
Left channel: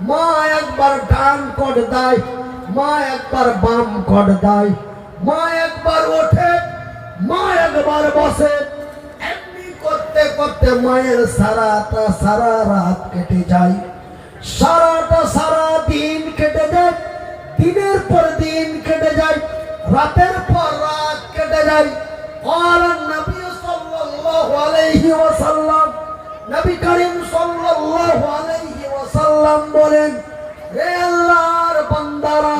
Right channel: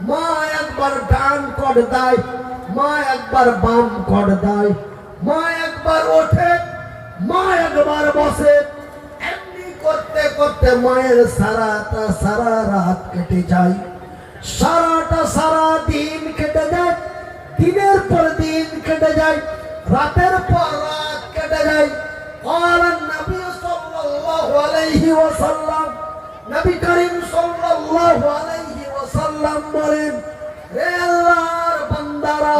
মা একবার ডান কট দেয়, মা একবার বাম কট দেয়। মা একবার ওঠে, মা একবার বসে। এমনি করতে করতে মায়ের সারা রাত কেটে যায়। সারা দিন কেটে যায়। দিনের পর দিন কেটে যায়। রাতের পর রাত কেটে যায়। আর নবী সাল্লাল্লাহু আলাইহি ওয়াসাল্লাম, নবী করিম সাল্লাল্লাহু আলাইহি ওয়াসাল্লাম বলেন, হে আল্লাহর বান্দারা,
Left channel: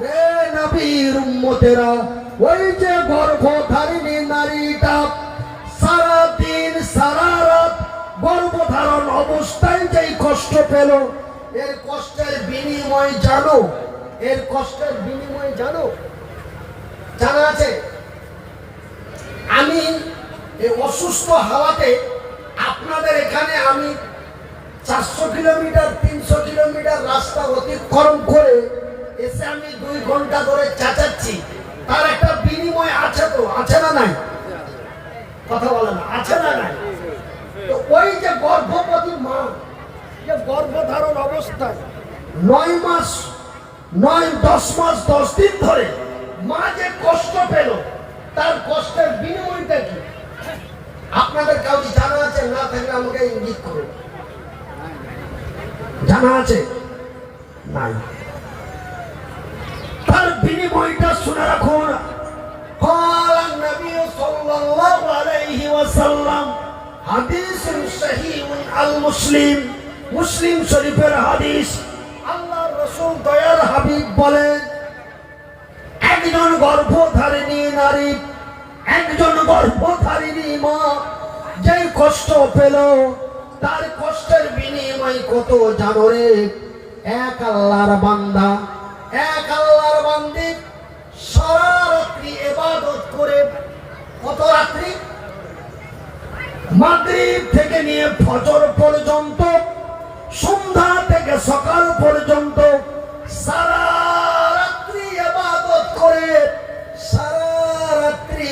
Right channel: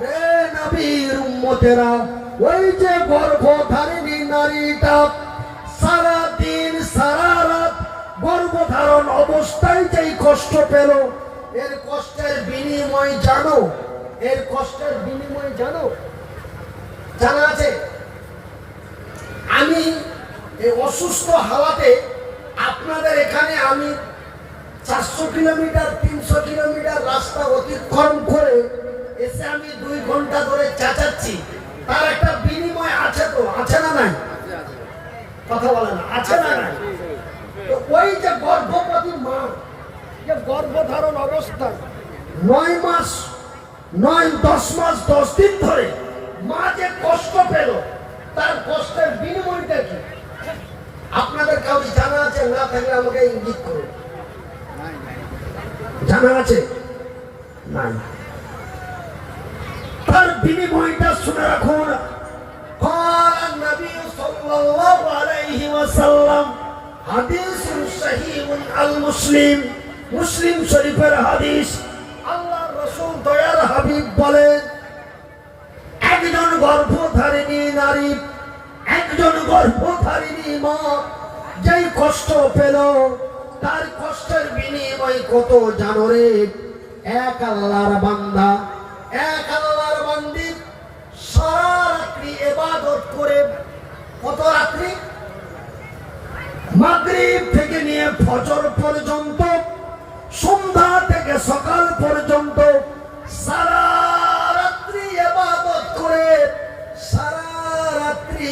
হে নবীর উম্মতেরা, ওই যে গর্ভধারিণী নারীটা সারা দিন সারা রাত গর্ভধারণ অবস্থায় যেই কষ্ট পেল, এর কষ্টের বিনিময় জানো? এর কষ্টের বিনিময় জানো? জানা আছে? আমি এই অসুস্থ হাওয়াতে আপনাদের এখানে আমি 400 কিলোমিটার 300 কিলোমিটার রাস্তা অতিক্রম করে এসে আমি 2 ঘন্টা ধরে চেঁচাচ্ছি, তার একটা বিনিময় আছে তো? আছে না নাই? কথা বলে না, আছে না নাই? তো ওই যে গর্ভবতী মা, যে গর্ভধারণ অবস্থায় 9 মাস 10 মাস 10 দিন ধরে মা যে কষ্ট পেল, তার কষ্টের বিনিময়টা কি আপনাদের কাউকে জানা আছে? না থাকলে আমাকে ইঙ্গিত করুন। জানা আছে? নাই। তার বিনিময়টা শুনে রাখুন। قال النبي صلى الله عليه وسلم حديث صحيح المسلم, মুসলিম শরীফের হাদিস। আল্লাহর রাসূল দয়ার হাবিব বলেন, একজন গর্ভধারিণী নারী, একজন গর্ভধারিণী মা যেই কষ্ট পেল, তার কষ্টের বিনিময় কত জানো রে? এক আল্লাহর বান্দা, এক আল্লাহর বান্দি সারা রাত্রি ইবাদত করে, কত রাত্রি? মাগরিব থেকে নিয়ে ফজর পর্যন্ত, সন্ধ্যা থেকে সকাল পর্যন্ত সারা রাত্রি ইবাদত করে, সারা রাত্রি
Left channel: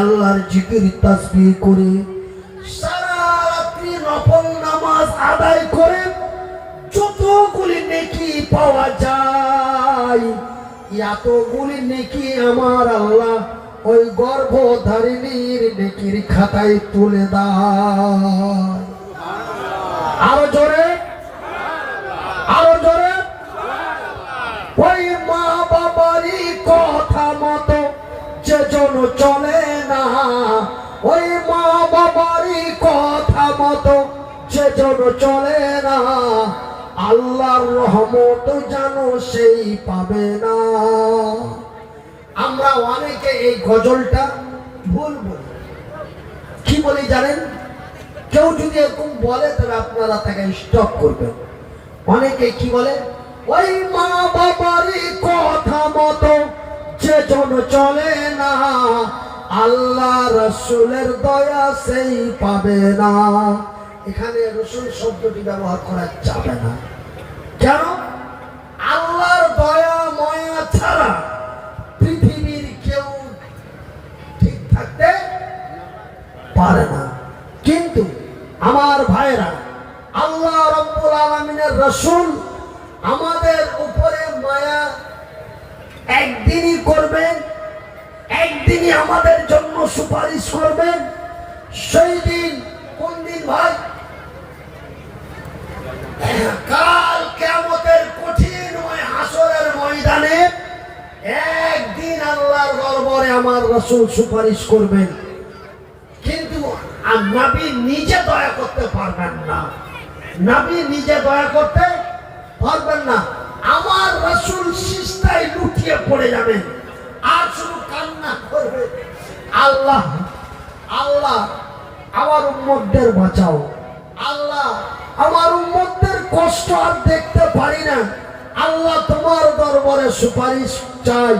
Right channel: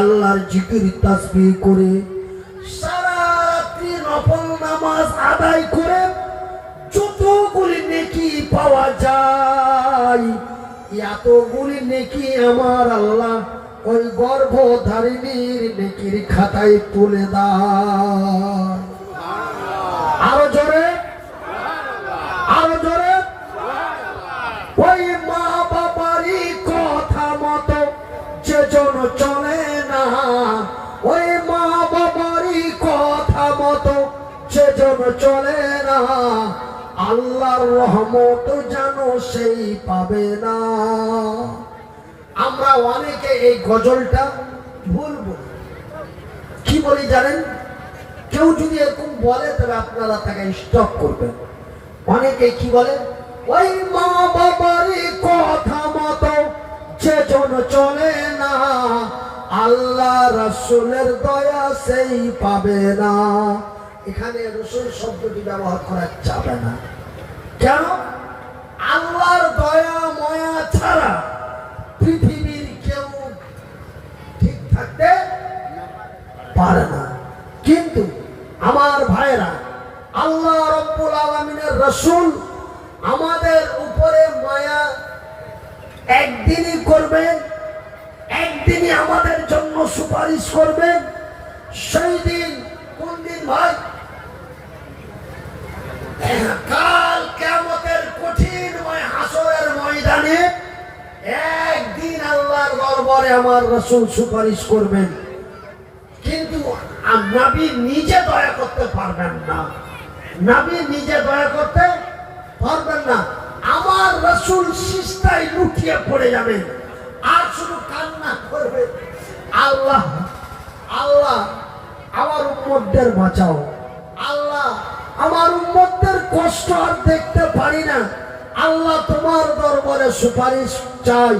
আল্লাহর জিকির তাসবিহ করে, সারা রাত্রি নফল নামাজ আদায় করে যতগুলি নেকি পাওয়া যায়, এতগুলি নেকি আমার আল্লাহ ওই গর্ভধারিণীর নেকির খাতায় তুলে দেয়। আরো জোরে, আরো জোরে। ওই মা বাবারই কথা মতো যে জন চলে না, ওই মা বাবারই কথা মতো যে জন চলে না, আল্লাহর রহমত যেন সেই পাবে না। আমরা অনেকে এই গজলটা ভুল বলি। কি বলি জানেন? কেউ যদি এরকম বলে তবে আপনারা তাকে স্টপ করবেন। অনেকে কি বলে? ওই মা বাবারই কথা মতো যে জন চলে না, আল্লাহ রসুলের দয়া সেই পাবে না। এখানে রসুল শব্দটি ব্যবহার করা যাবে না। কেন? আল্লাহর দয়া ময়া ছাড়া পৃথিবীর কেউ ঠিক থাকতে পারে না। কিন্তু আমার ভাইরা, আল্লাহ রাব্বুল আলামিনের রাসূল আমাদের উপরে মায়া একদিনই করবেন, একদিনই আমাদের জন্য সুপারিশ করবেন। সেই দিন কোন দিন ভাই? কাল কিয়ামতের কঠিন হাসরের ময়দানে একদিন আল্লাহর দরবারে আমার রাসূল সুপারিশ করবেন। কিন্তু নবী নিজে দয়া করতে পারবেন না, নবী নিজে দয়া করতে পারবেন না। আমার রাসূল সিজদায় লুটিয়ে পড়ে যাবেন আর শুধু কান্না করবে, আল্লাহ আল্লাহ আমার উম্মতদের বাঁচাও, আল্লাহ আমার উম্মতদের কষ্ট আর দেখতে পারি না, আল্লাহ তোমার দরবারে সুপারিশ চাই,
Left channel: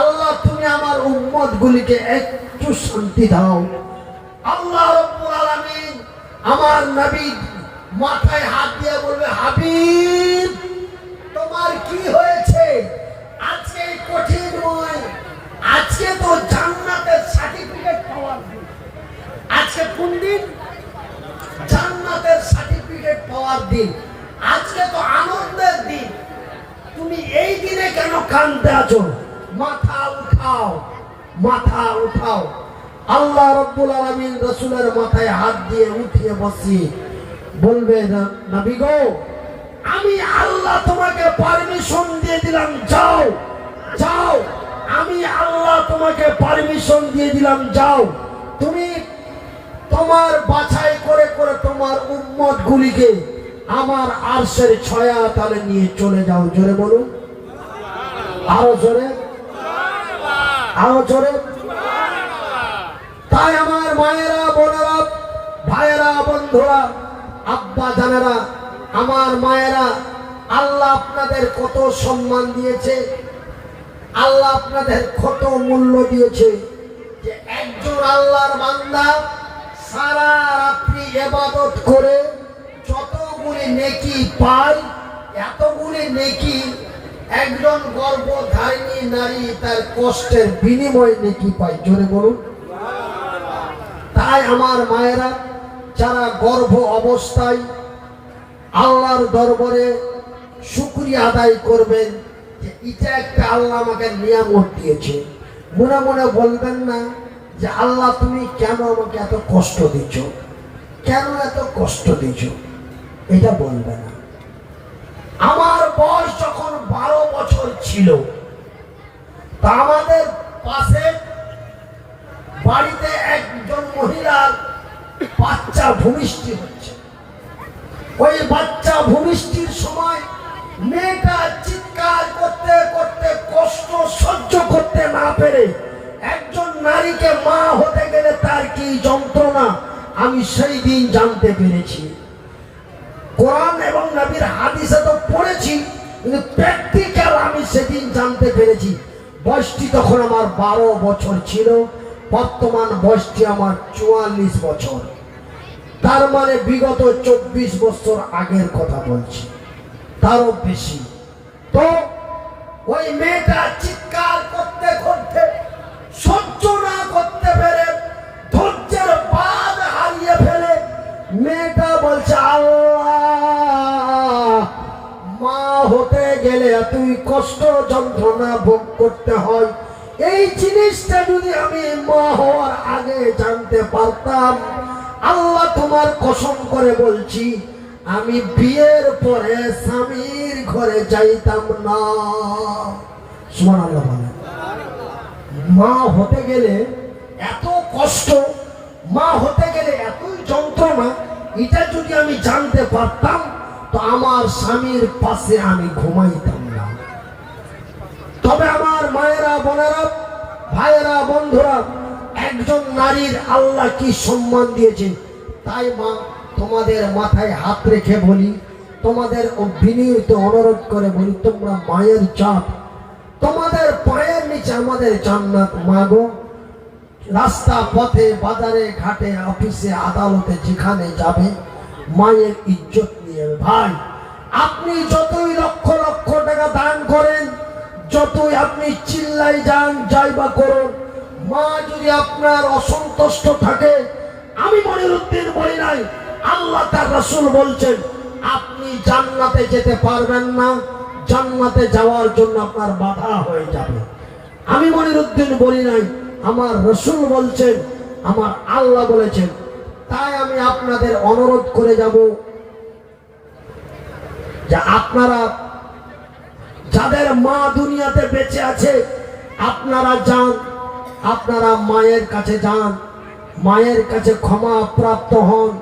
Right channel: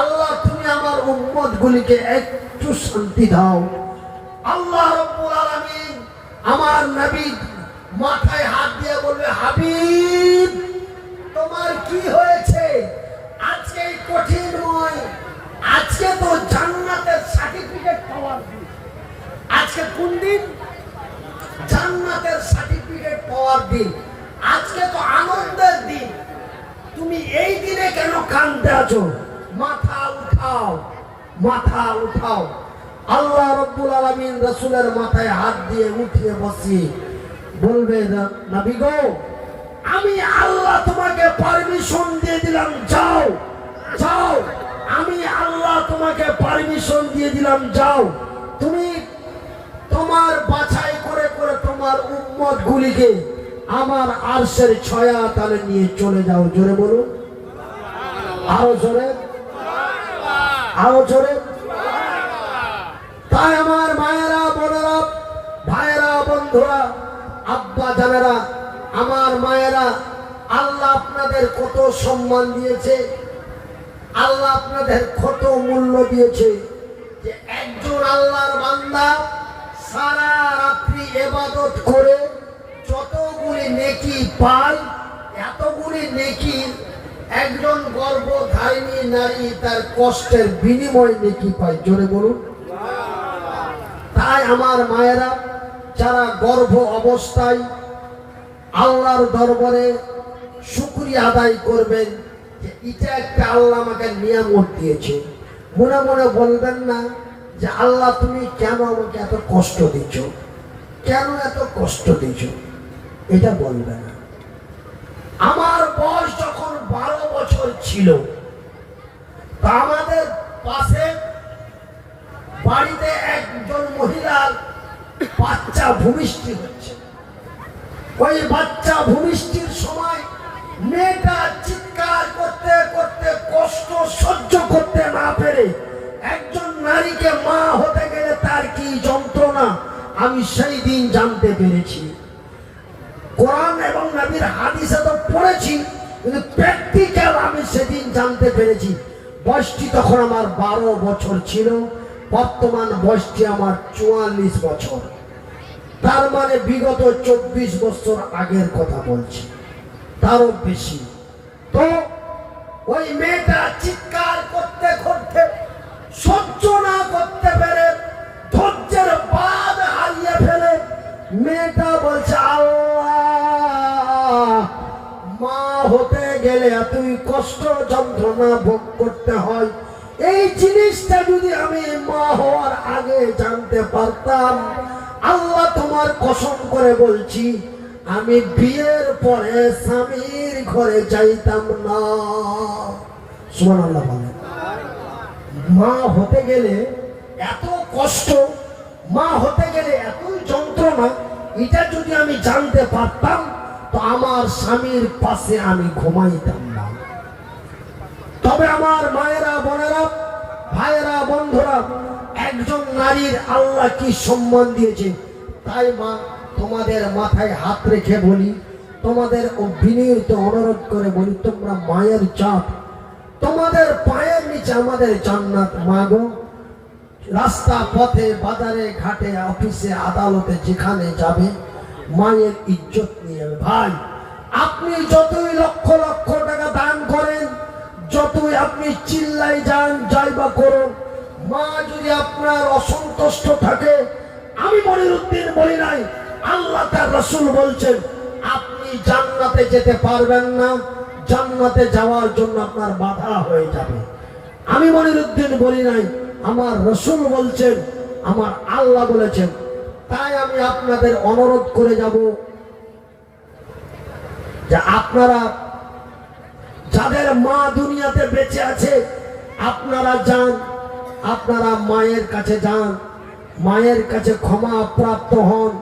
আল্লাহ তুমি আমার উম্মত গুলিকে একটু শান্তি দাও। আল্লাহ রাব্বুল আলামিন আমার নবী মাথায় হাত দিয়ে বলবে, হাবিব তোমার কি হয়েছে? আজকে এই কঠিনময়, আজকে তো জান্নাতের সার্টিফিকেট পাওয়ার দিন। আজকে কোন দিন? জান্নাতের সার্টিফিকেট পাওয়ার দিন। আজকে তো আনন্দের দিন। তুমি এই দিনে কেন কাঁদতে আছো? মাথা উঠাও, মাথা উঠাও। আল্লাহ রাব্বুল আলামিন রাসূলের মাথায় হাত দিয়ে উঠিয়ে বসিয়ে বলবে, নবী গো, আমি আল্লাহ তোমাকে পারমিশন দিয়ে দিলাম, যাও যাও, আমি আল্লাহ তোমাকে পারমিশন দিয়ে দিলাম, যাও, তুমি তোমার বাছাই করে করে তোমার উম্মত গুলিকে আমার আরশের ছায়া তলে নিয়ে চলে যাও। জোরে বলুন, আরো জোরে, আরো জোরে। তাই আমার মায়েরা, বোনেরা, ভাইয়েরা, বন্ধুরা, আব্বা জানেরা, আমার মায়েরা, আল্লাহ আপনাদের কত সম্মান দিয়েছে, আল্লাহ আপনাদের কত মূল্য দিয়েছে যে একজন আল্লাহর বান্দা সারা রাত্রি ইবাদত করে যতগুলি নেকি পায়, এতগুলি নেকি একজন গর্ভধারিণী নারী তার কষ্টের বিনিময়ে নেকি পায়। জোরে বলুন। তাই আমার মায়েরা, যারা গর্ভ অবস্থায় আল্লাহর দরবারে শুকরিয়া আদায় করবেন যে এটা একটা আল্লাহ আমাকে নিয়ামত দিয়েছে, মনে মনে বলবেন না যে আল্লাহ তুমি কেন আমাকে এত কষ্ট দিচ্ছ, কেন এত কষ্ট দিচ্ছ, এটা বলবে না। আমার বয়স যখন 12 বছর ছিল, তা আমাদের পাশে বাড়িতে একজন মহিলার বাচ্চা ভূমিষ্ঠি হচ্ছে। ওই বাচ্চা ভূমিষ্ঠির সময় মেয়েটা চিৎকার করতে করতে কষ্ট সহ্য করতে না পেরে, একজন নারীকে মা হতে গেলে তার কি যন্ত্রণা আমি সেই দিন জানতে পেরেছি। কোরআন এবং নবীর হাদিসে তো পড়েছি, কিন্তু প্র্যাকটিক্যাল আমি সেদিন জানতে পেরেছি। বয়সটি তখন আমার 12 বছর ছিল, বর্তমান বয়সটি আমার 44 বছর। তার মানে বিগত 24 বছর আগের কথা বলছি, তারও বেশি। তো ওই মেয়েটা চিৎকার করতে করতে সহ্য না করতে পেরে ধৈর্যের বাঁধ হারিয়ে ফেলে মেয়েটা বলছে, আল্লাহ, মা হতে গেলে এতই কষ্ট যন্ত্রণা ভোগ করতে হয়। এই জিনিসটা যদি আমি মা হওয়ার আগে জানতে পারতাম, আল্লাহ তোমার কসম করে বলছি, আমি বিয়ের পরে স্বামীর ঘরে যাইতাম না। সুবহানাল্লাহ বলেন। মা হতে গেলে এত কষ্ট, মা হতে গেলে এতই যন্ত্রণা, এটা যদি আমি জানতে পারতাম তো আমার স্বামীর পাশে আমি ঘুমাইতাম না। তবে আমার মায়েরা, বোনেরা, ভাইয়েরা, বন্ধুরা, একজন নারীর আল্লাহ কি সম্মান দিয়েছে। তাই মা, তোমাদের মাথায় হাত রেখে বলি, তোমাদের বিনীত অনুরোধ করে বলি, তোমরা মায়ের জাত, তোমাদের পায়ের নিচে আমাদের জান্নাত। মাগো, রাস্তা পথে, বাজারে ঘাটে, অফিসে, আদালতে যেখানে যাবে, মায়ের ইজ্জত নিয়ে। ভাই, আপনি যতই লক্ষ লক্ষ টাকা দান করেন, যতই আপনি চিল্লাই যান, যাই বা করুন, মা যদি আপনার অসন্তুষ্ট থাকে, আমি মনিরুদ্দিন বলি নাই, আল্লাহ তার রাসূল বলছেন, আপনি জান্নাতে যেতে পারবেন না, জান্নাতে যাওয়ার জন্য আপনার বাধা হয়ে যাবে। আমি মনিরুদ্দিন বলি নাই, আমার রাসূল বলছেন, আমার আল্লাহ বলেছেন। তাই আমি আপনাদের অনুরোধ করে যাব যে আপনারা যাদের মা দুনিয়াতে বেঁচে আছে, আপনারা যান, আপনারা মায়ের কাছে যান, মায়ের কাছে ক্ষমা প্রাপ্ত হন,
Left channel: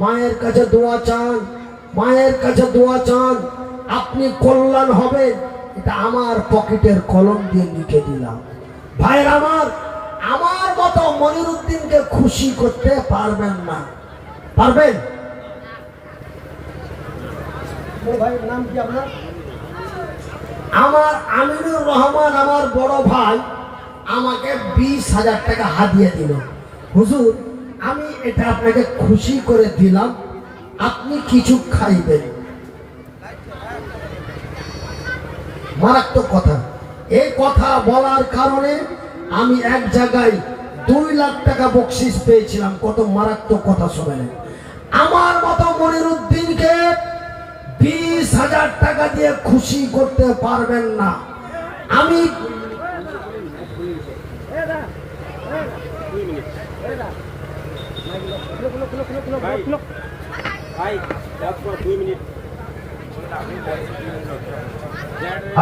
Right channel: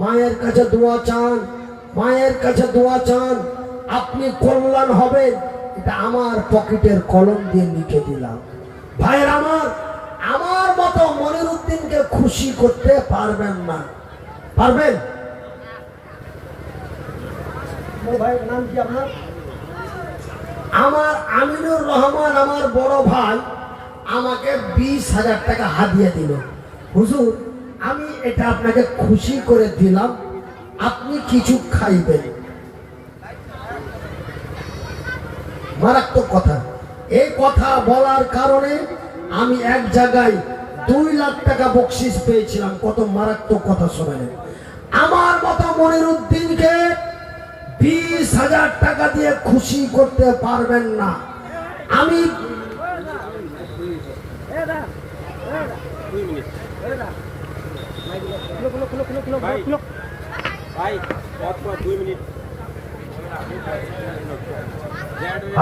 মায়ের কাছে দোয়া চান, মায়ের কাছে দোয়া চান, আপনি কল্যাণ হবেন। এটা আমার পকেটের কলম দিয়ে লিখে দিলাম। ভাইয়ের আমার মতো মনিরুদ্দিনকে খুশি করতে পারবেন না। পারবেন? ভাইয়ের নাম কি আপনার? আমার আমিনুর রহমান, আমার বড় ভাই, আমাকে 20,000 টাকা হাদিয়া দিল। হুজুর, আমি এটা আপনাকে খুশি করে দিলাম, আপনি কিছু খাইবেন। মারাত্মক কথা। এই কথা বলার কারণে আমি এক জায়গায় 2 লাখ টাকা বকশিস পেয়েছিলাম। কত মারাত্মক কথা শোনেন। আমার মতো মনিরুদ্দিনকে 20,000 টাকা দিয়ে খুশি করতে পারবেন না। আমি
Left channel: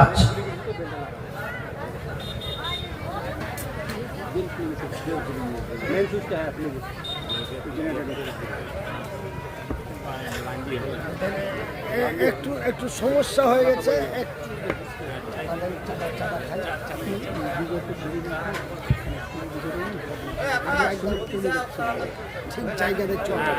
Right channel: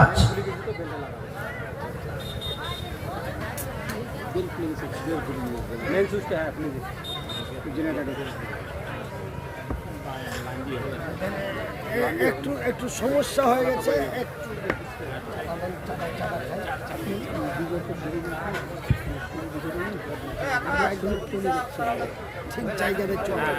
আচ্ছা, একটু একটু সমস্যা হয়ে গেছে, একটু ঠিক জায়গাতে চলে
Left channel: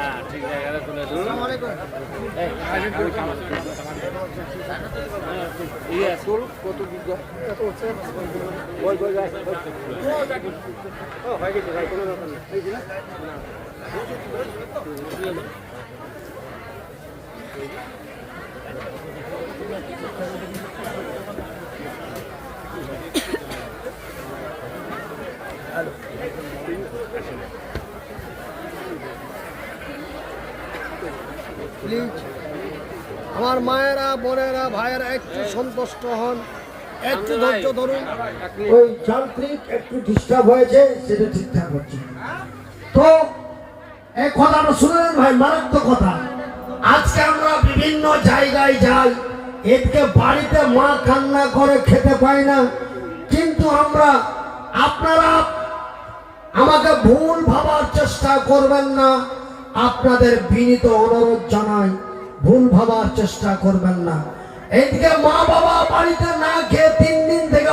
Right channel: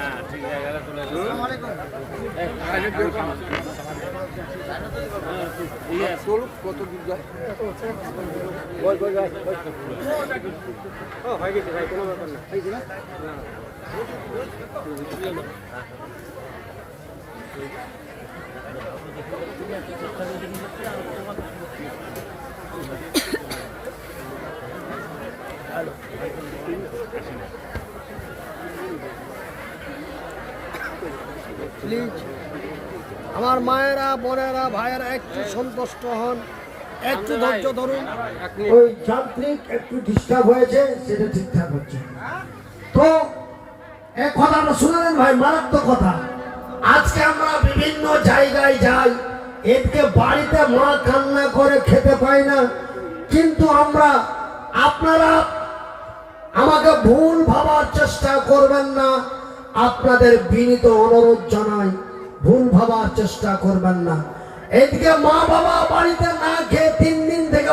প্লিজ আমার মায়েরা, বোনেরা, ভাইয়েরা একটু সন্তুষ্ট হন, একটু ধৈর্য ধরুন। ওই যান্ত্রিক একটু ডিস্টার্ব হয়েছে, সেটা ঠিকঠাক হচ্ছে। তো এই কথাটা শুনেন ভাই, মারাত্মক কথা। আজকে আমরা বিভিন্ন জায়গায় যাই, এদিকে বাড়িতে মা কান্না করে খেতে পাই না, কিন্তু আপনারা আমাকে ভুল ভাবার চেষ্টা করবেন না। আপনাদের বিনীত অনুরোধ জানাই, ভুল ভাবার চেষ্টা করবেন না। এদিকে মা বাবা বাড়িতে না খেয়ে 3 দিন থেকে